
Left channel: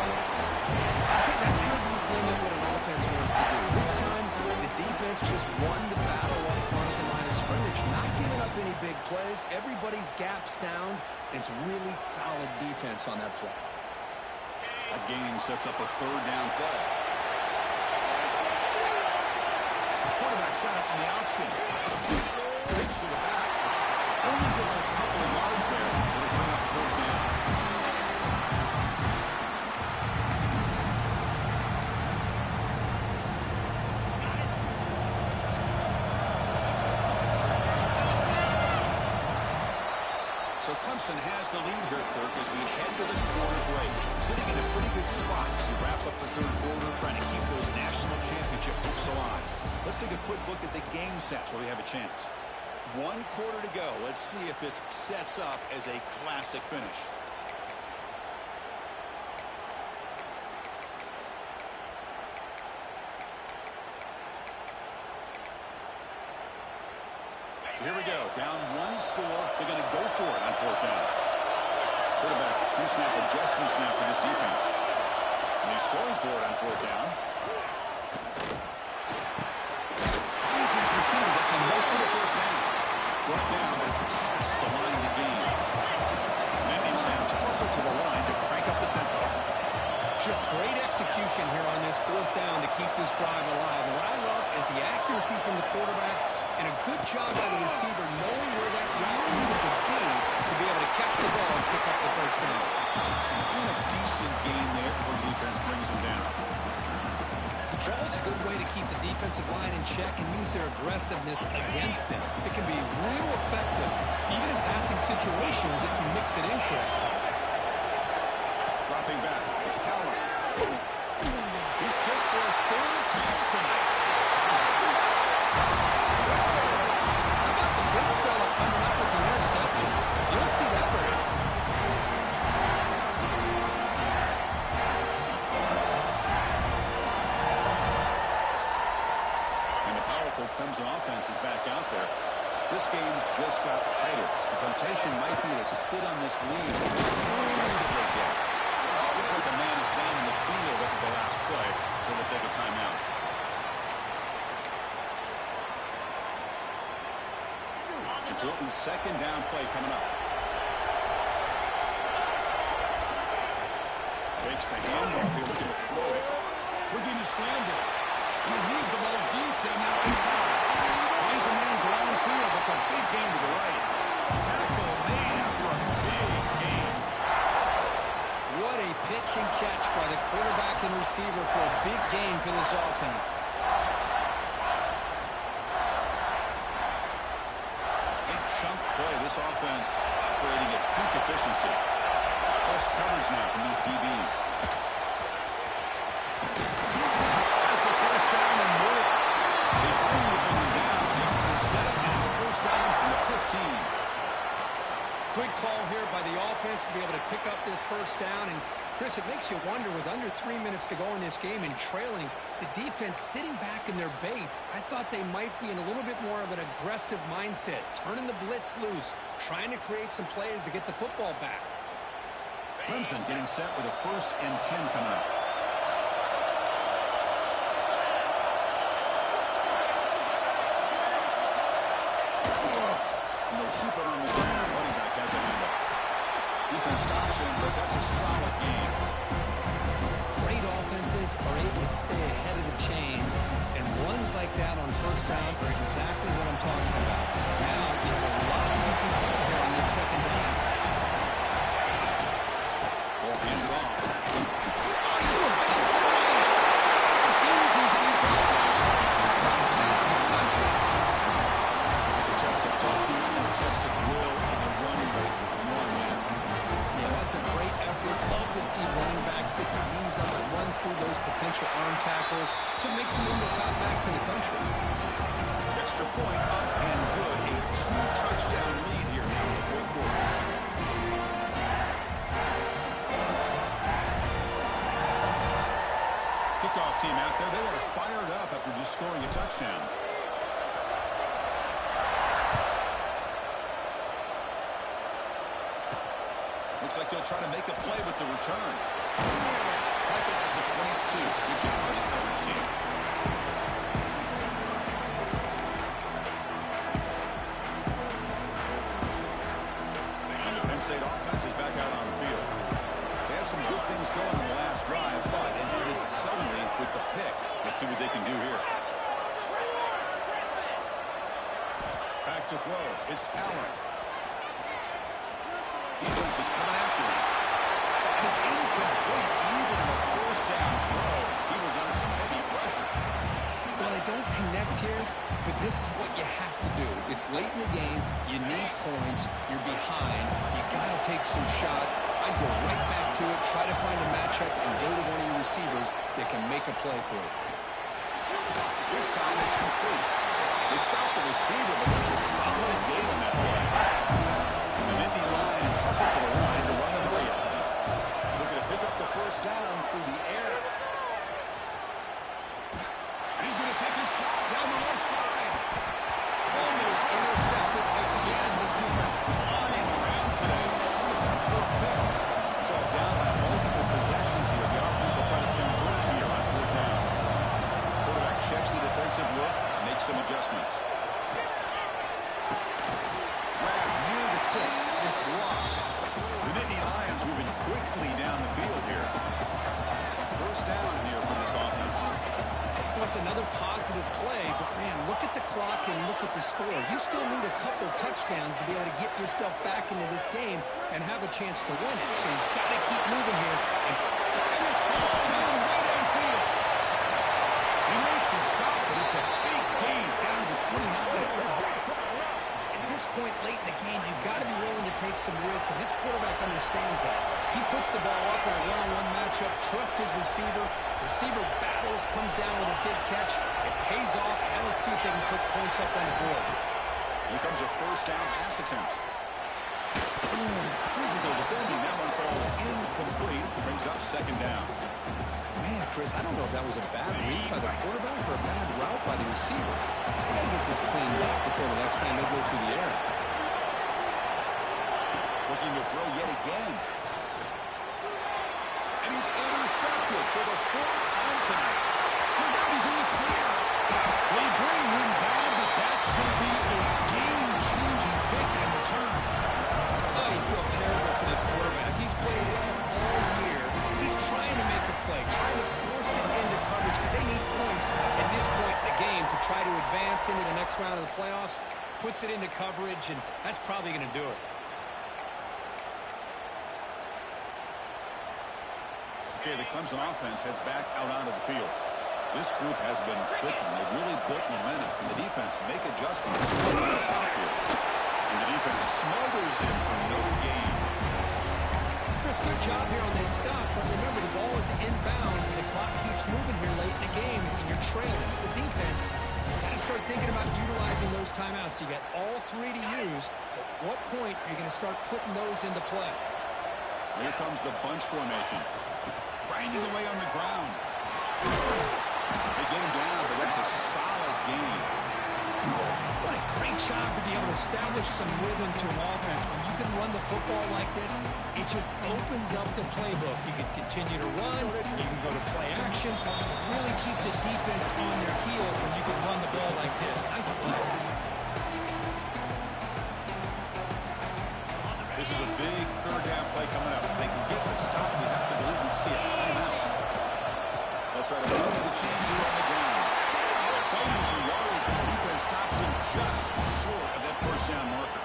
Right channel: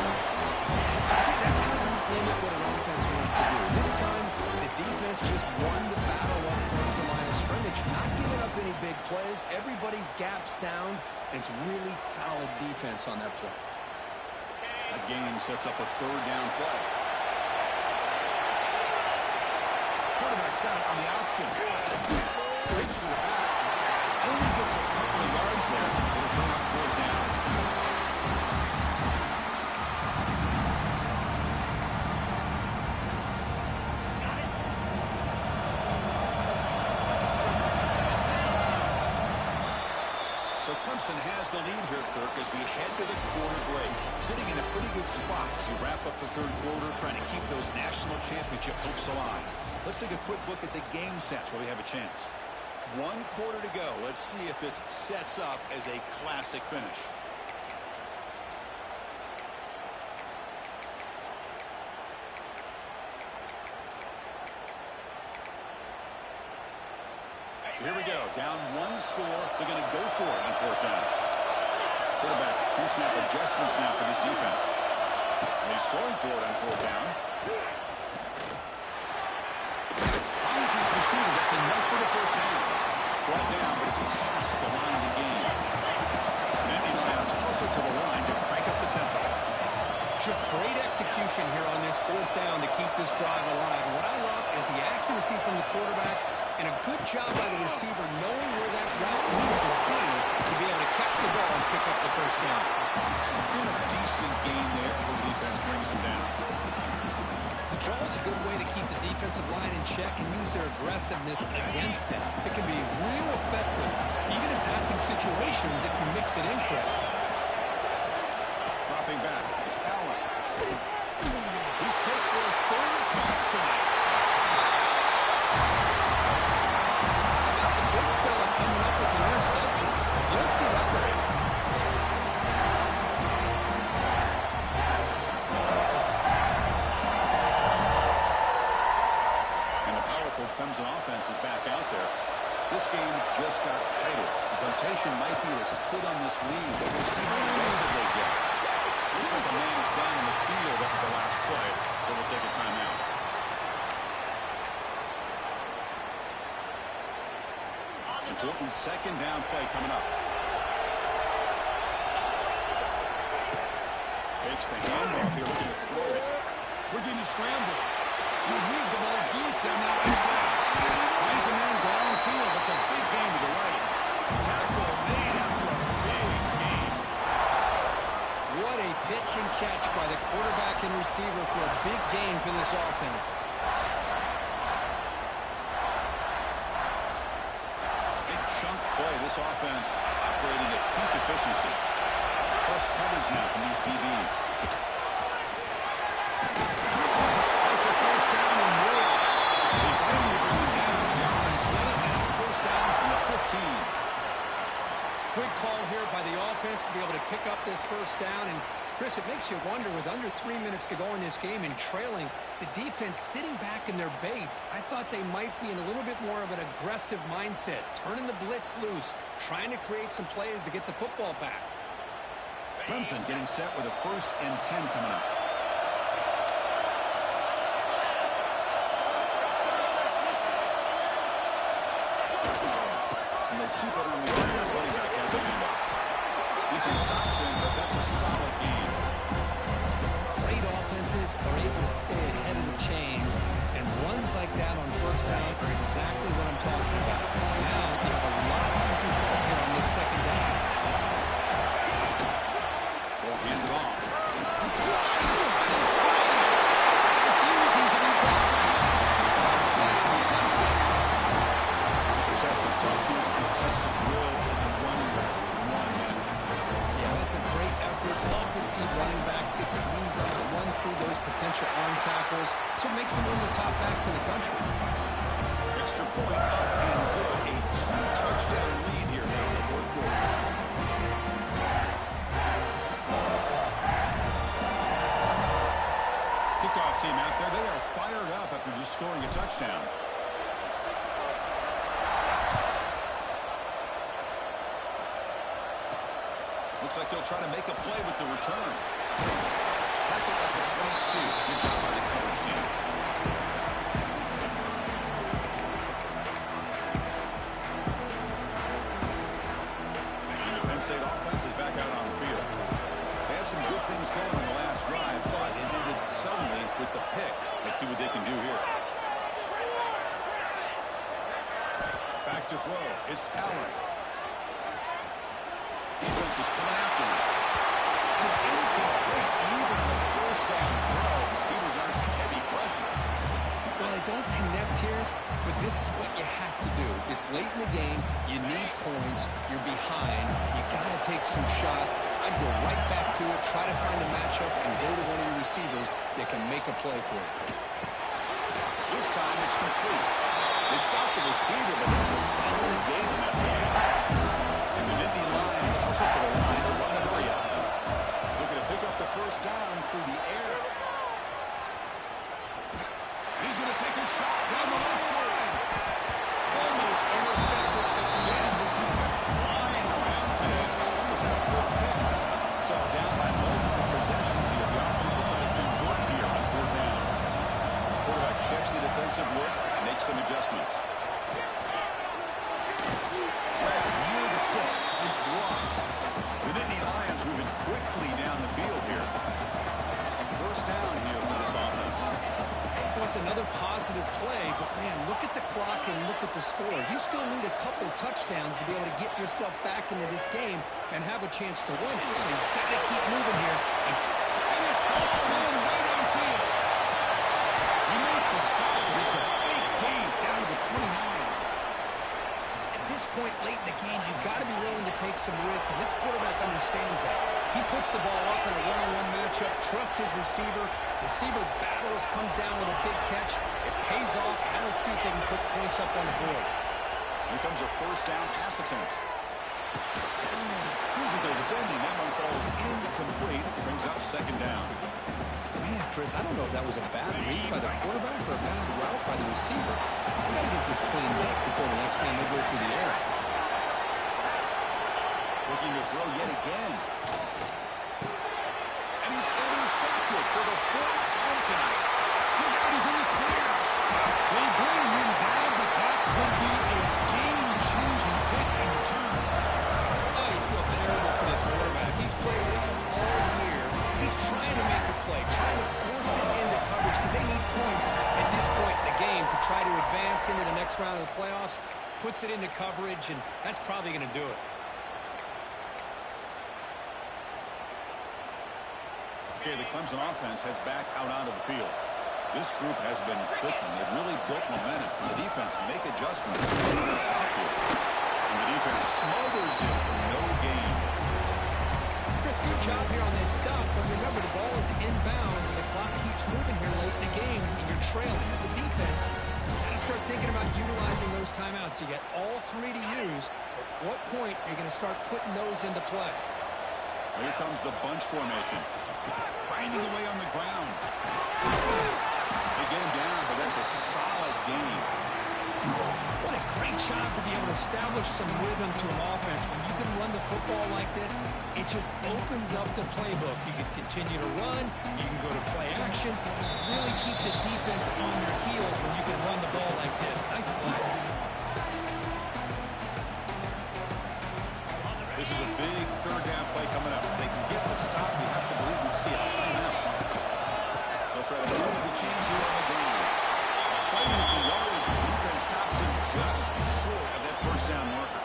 See, that's how you limit what an offense wants to do. This time, the defense just won the battle up front of the line of scrimmage, not giving up any big plays. Everybody's gap sound. It's really solid defense on that play. That game sets up a third down play. Quarterback's got it on the option. Breaks to the back. Only gets a couple of yards there. It'll bring up fourth down. So Clemson has the lead here, Kirk, as we head to the quarter break. Sitting in a pretty good spot as you wrap up the third quarter, trying to keep those national championship hopes alive. Let's take a quick look at the game sets where we have a chance. 1 quarter to go. Let's see if this sets up as a classic finish. So here we go. Down 1 score. They're going to go for it on 4th down. Quarterback, pre-snap adjustments now for this defense. And he's throwing for it on 4th down. Finds his receiver. That's enough for the 1st down. Brought down, but it's past the line to gain. Manny Lions closer to the line to crank up the tempo. Just great execution here on this 4th down to keep this drive alive. And what I love is the accuracy from the quarterback and a good job by the receiver knowing where that route needed to be able to catch the ball and pick up the 1st down. And a decent gain there before the defense brings him down. The draw is a good way to keep the defensive line in check and use their aggressiveness against them. It can be real effective, even in passing situations if you mix it in correctly. Dropping back, it's Allen. He's picked for a 3rd time tonight. How about the big fella coming up with the interception? You don't see that very often. Clemson offense is back out there. This game just got tighter. The temptation might be to sit on this lead. We'll see how aggressive they get. Looks like a man is down in the field after the last play, so we'll take a timeout. Important 2nd down play coming up. Takes the handoff here, looking to throw it. Looking to scramble. He heaves the ball deep down that right side. Finds a man downfield. It's a big gain to the right. Tackle made after a big gain. What a pitch and catch by the quarterback and receiver for a big gain for this offense. Big chunk play. This offense operating at peak efficiency. Plus coverage now from these DBs. The 1st down and more. They finally bring him down. The offense set up and 1st down from the 15. Quick call here by the offense to be able to pick up this 1st down. And, Chris, it makes you wonder, with under 3 minutes to go in this game and trailing, the defense sitting back in their base, I thought they might be in a little bit more of an aggressive mindset, turning the blitz loose, trying to create some plays to get the football back. Clemson getting set with a 1st and 10 coming up. And they'll keep it on the ground. Running back has a handoff. Defense stops him, but that's a solid game. Great offenses are able to stay ahead of the chains, and runs like that on 1st down are exactly what I'm talking about. Now you have a lot that you can call here on this 2nd down. Ball handed off. Spins free. Refusing to be brought down. Touchdown, Clemson. It's a test of toughness and a test of will, and the running back with 1 man. Yeah, that's a great effort. Love to see running backs get their knees up and run through those potential arm tackles. So it makes them one of the top backs in the country. Extra point up and good. A 2-touchdown lead here now in the 4th quarter. Kickoff team out there. They are fired up after just scoring a touchdown. Looks like he'll try to make a play with the return. Tackled at the 22. Good job by the coverage team. And the Penn State offense is back out on the field. They had some good things going on the last drive, but it ended suddenly with the pick. Let's see what they can do here. Back to throw. It's Allen. Defense is coming after him. And it's incomplete. Even on a 1st down throw, he was under some heavy pressure. Well, they don't connect here, but this is what you have to do. It's late in the game. You need points. You're behind. You got to take some shots. I'd go right back to it, try to find a matchup, and go to one of your receivers that can make a play for you. This time it's complete. They stop the receiver, but there's a solid gain on that play. And the Nittany Lions hustle to the line to run the hurry-up. Looking to pick up the first down through the air. He's going to take a shot down the left side. Almost intercepted again. This defense flying around today. Almost had a fourth pick. So down by multiple possessions here. The offense will try to convert here on fourth down. Quarterback checks the defensive look, makes some adjustments. Grab near the sticks. It's lost. The Nittany Lions moving quickly down the field here. First down here for this offense. Well, it's another positive play, but, man, look at the clock and look at the score. You still need a couple touchdowns to be able to get yourself back into this game and have a chance to win it. So you've got to keep moving here. And it's hauled in way downfield. He made the stop, but it's a big gain down to the 29. At this point late in the game, you've got to be willing to take some risks, and this quarterback understands that. He puts the ball up in a one-on-one matchup, trusts his receiver. Receiver battles, comes down with a big catch. It pays off. Now let's see if they can put points up on the board. Here comes a first down pass attempt. Physical defending. That one falls incomplete. Brings up second down. Man, Chris, I don't know if that was a bad read by the quarterback or a bad route by the receiver. They got to get this cleaned up before the next time they go through the air. Looking to throw yet again. And he's intercepted for the fourth time tonight. Look out, he's in the clear. They bring him down, but that could be a game-changing pick and return. Oh, you feel terrible for this quarterback. He's played well all year. He's trying to make a play, trying to force it into coverage because they need points at this point in the game to try to advance into the next round of the playoffs. Puts it into coverage, and that's probably going to do it. Okay, the Clemson offense heads back out onto the field. This group has been clicking. They've really built momentum. And the defense make adjustments. Stop here. And the defense smothers him for no gain. Chris, good job here on this stop, but remember the ball is inbounds and the clock keeps moving here late in the game and you're trailing. As a defense, you got to start thinking about utilizing those timeouts. You got all three to use. At what point are you going to start putting those into play? Here comes the bunch formation. Grinding away on the ground. They get him down, but that's a solid gain. What a great job to be able to establish some rhythm to an offense. When you can run the football like this, it just opens up the playbook. You can continue to run. You can go to play action. And really keep the defense on their heels when you can run the ball like this. Nice play. This is a big third down play coming up. If they can get the stop, you have to believe we'd see a timeout. They'll try to move the chains here on the ground. Fighting for yardage, the defense stops him just short of that first down marker.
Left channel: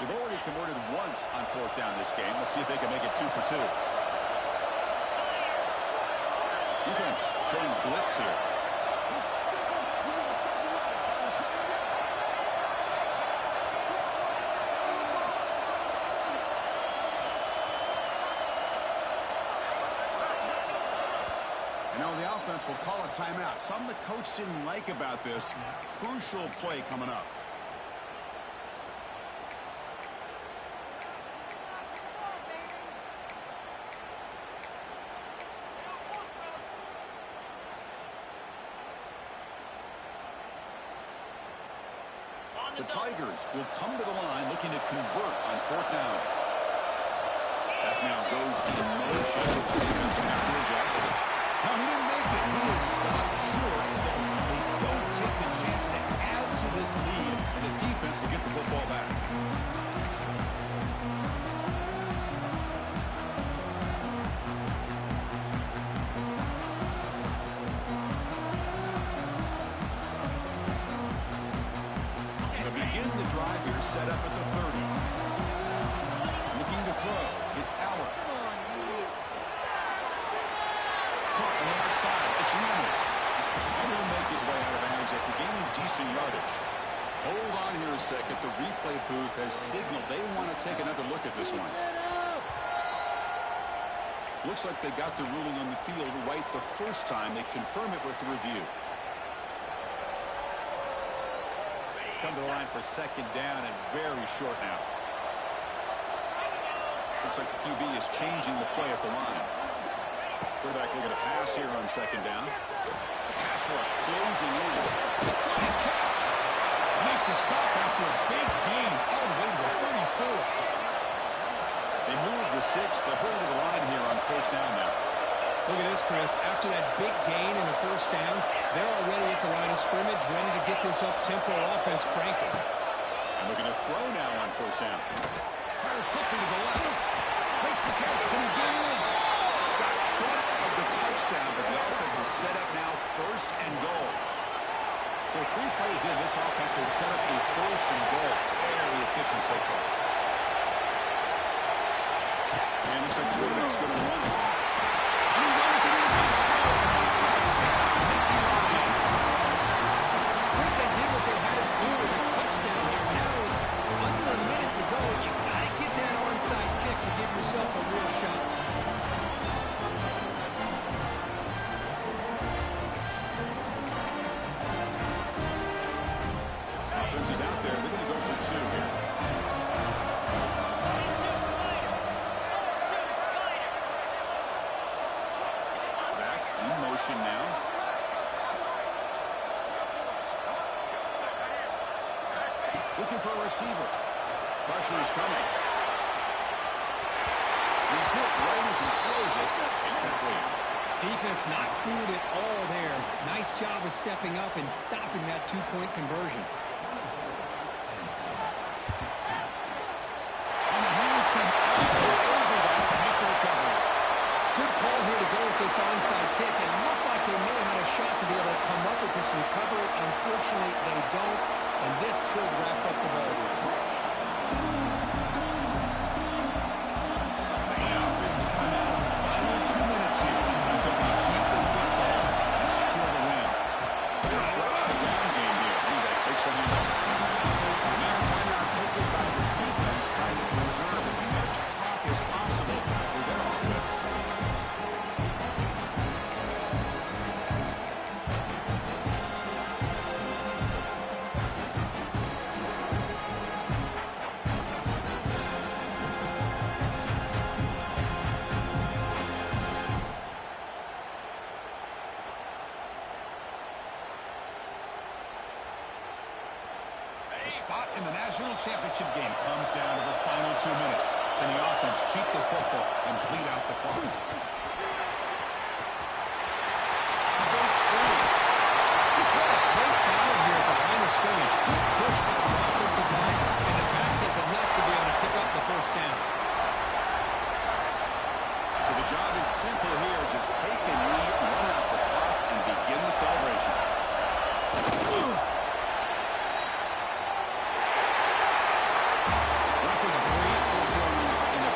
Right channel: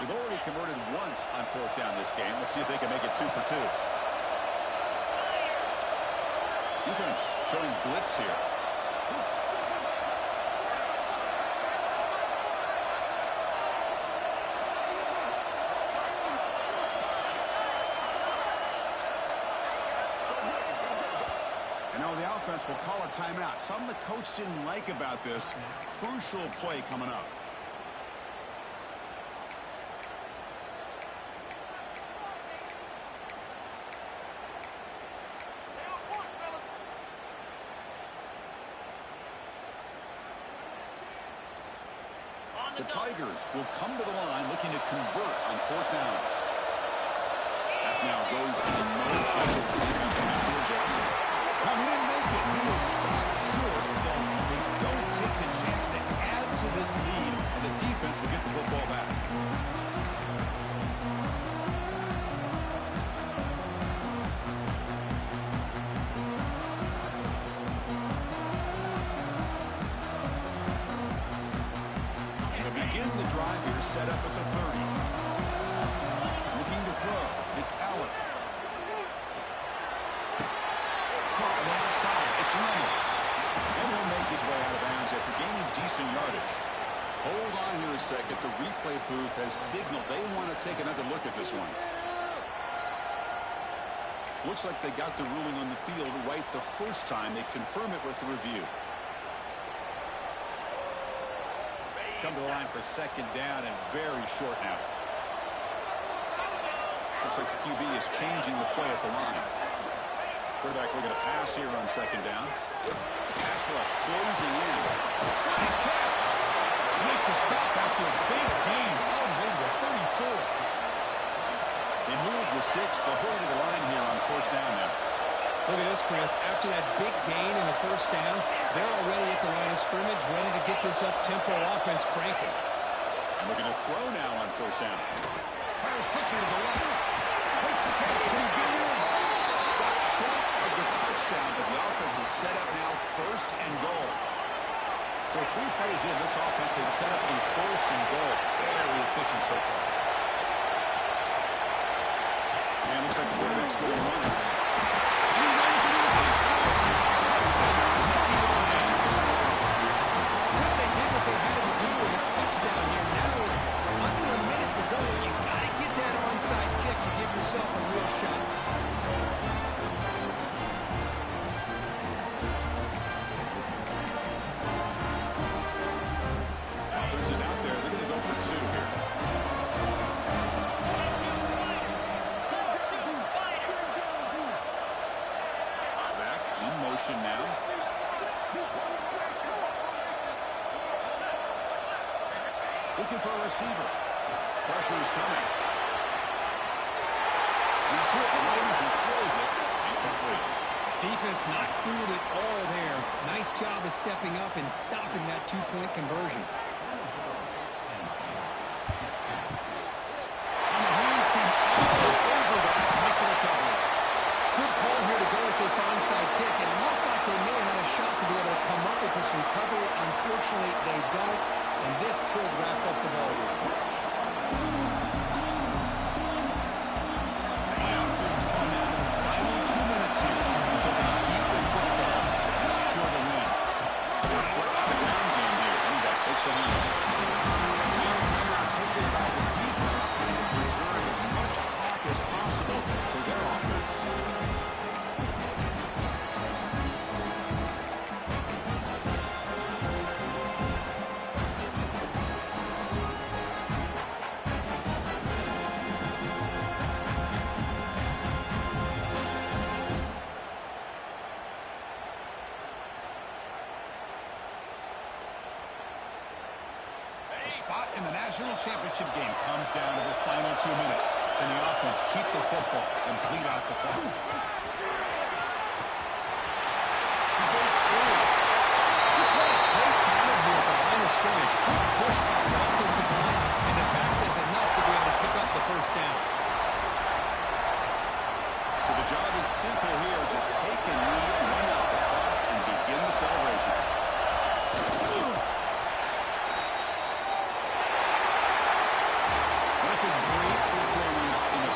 They've already converted once on fourth down this game. Let's see if they can make it 2 for 2. Defense showing blitz here. And now the offense will call a timeout. Something the coach didn't like about this. Crucial play coming up. The Tigers will come to the line looking to convert on fourth down. That now goes in motion. The defense will have to adjust. No, he didn't make it. He is stopped short, so they don't take the chance to add to this lead, and the defense will get the football back. set up at the 30. Looking to throw. It's Allen. Caught on the outside. It's Reynolds. And he'll make his way out of bounds after gaining decent yardage. Hold on here a second. The replay booth has signaled they want to take another look at this one. Looks like they got the ruling on the field right the first time. They confirm it with the review. Come to the line for second down and very short now. Looks like the QB is changing the play at the line. Quarterback looking to pass here on second down. Pass rush closing in. What a catch! Make the stop after a big gain all the way to the 34. They move the 6. They'll hurry to the line here on first down now. Look at this, Chris. After that big gain in the first down, they're already at the line of scrimmage, ready to get this up-tempo offense cranking. And looking to throw now on first down. Fires quickly to the left. Makes the catch. Can he get in? Stopped short of the touchdown, but the offense is set up now first and goal. So 3 plays in, this offense has set up a first and goal. Very efficient so far. And looks like the quarterback's going to run it. And he runs it in for the score. Touchdown, Nittany Lions. Chris, they did what they had to do with this touchdown here. Now with under a minute to go, you got to get that onside kick to give yourself a real shot. Offense is out there. They're going to go for 2 here. Back in motion now. Looking for a receiver. Pressure is coming. He's hit right as he throws it. Incomplete. Defense not fooled at all there. Nice job of stepping up and stopping that 2-point conversion. On the hands team all over that to make the recovery. Good call here to go with this onside kick. It looked like they may have had a shot to be able to come up with this recovery. Unfortunately, they don't, and this could wrap up the ball game. Playoff coming out of the final 2 minutes here. So they keep the football and secure the win. They flex the ground game here. Running back takes a handoff. Now a timeout taken by the defense, trying to preserve as much clock as possible for their offense. The spot in the national championship game comes down to the final 2 minutes. Then the offense keep the football and bleed out the clock. He breaks through. Just what a great battle here at the line of scrimmage. Good push by the offensive line, and the back does enough to be able to pick up the first down. So the job is simple here. Just take a knee, run out the clock, and begin the celebration. That's a great performance in a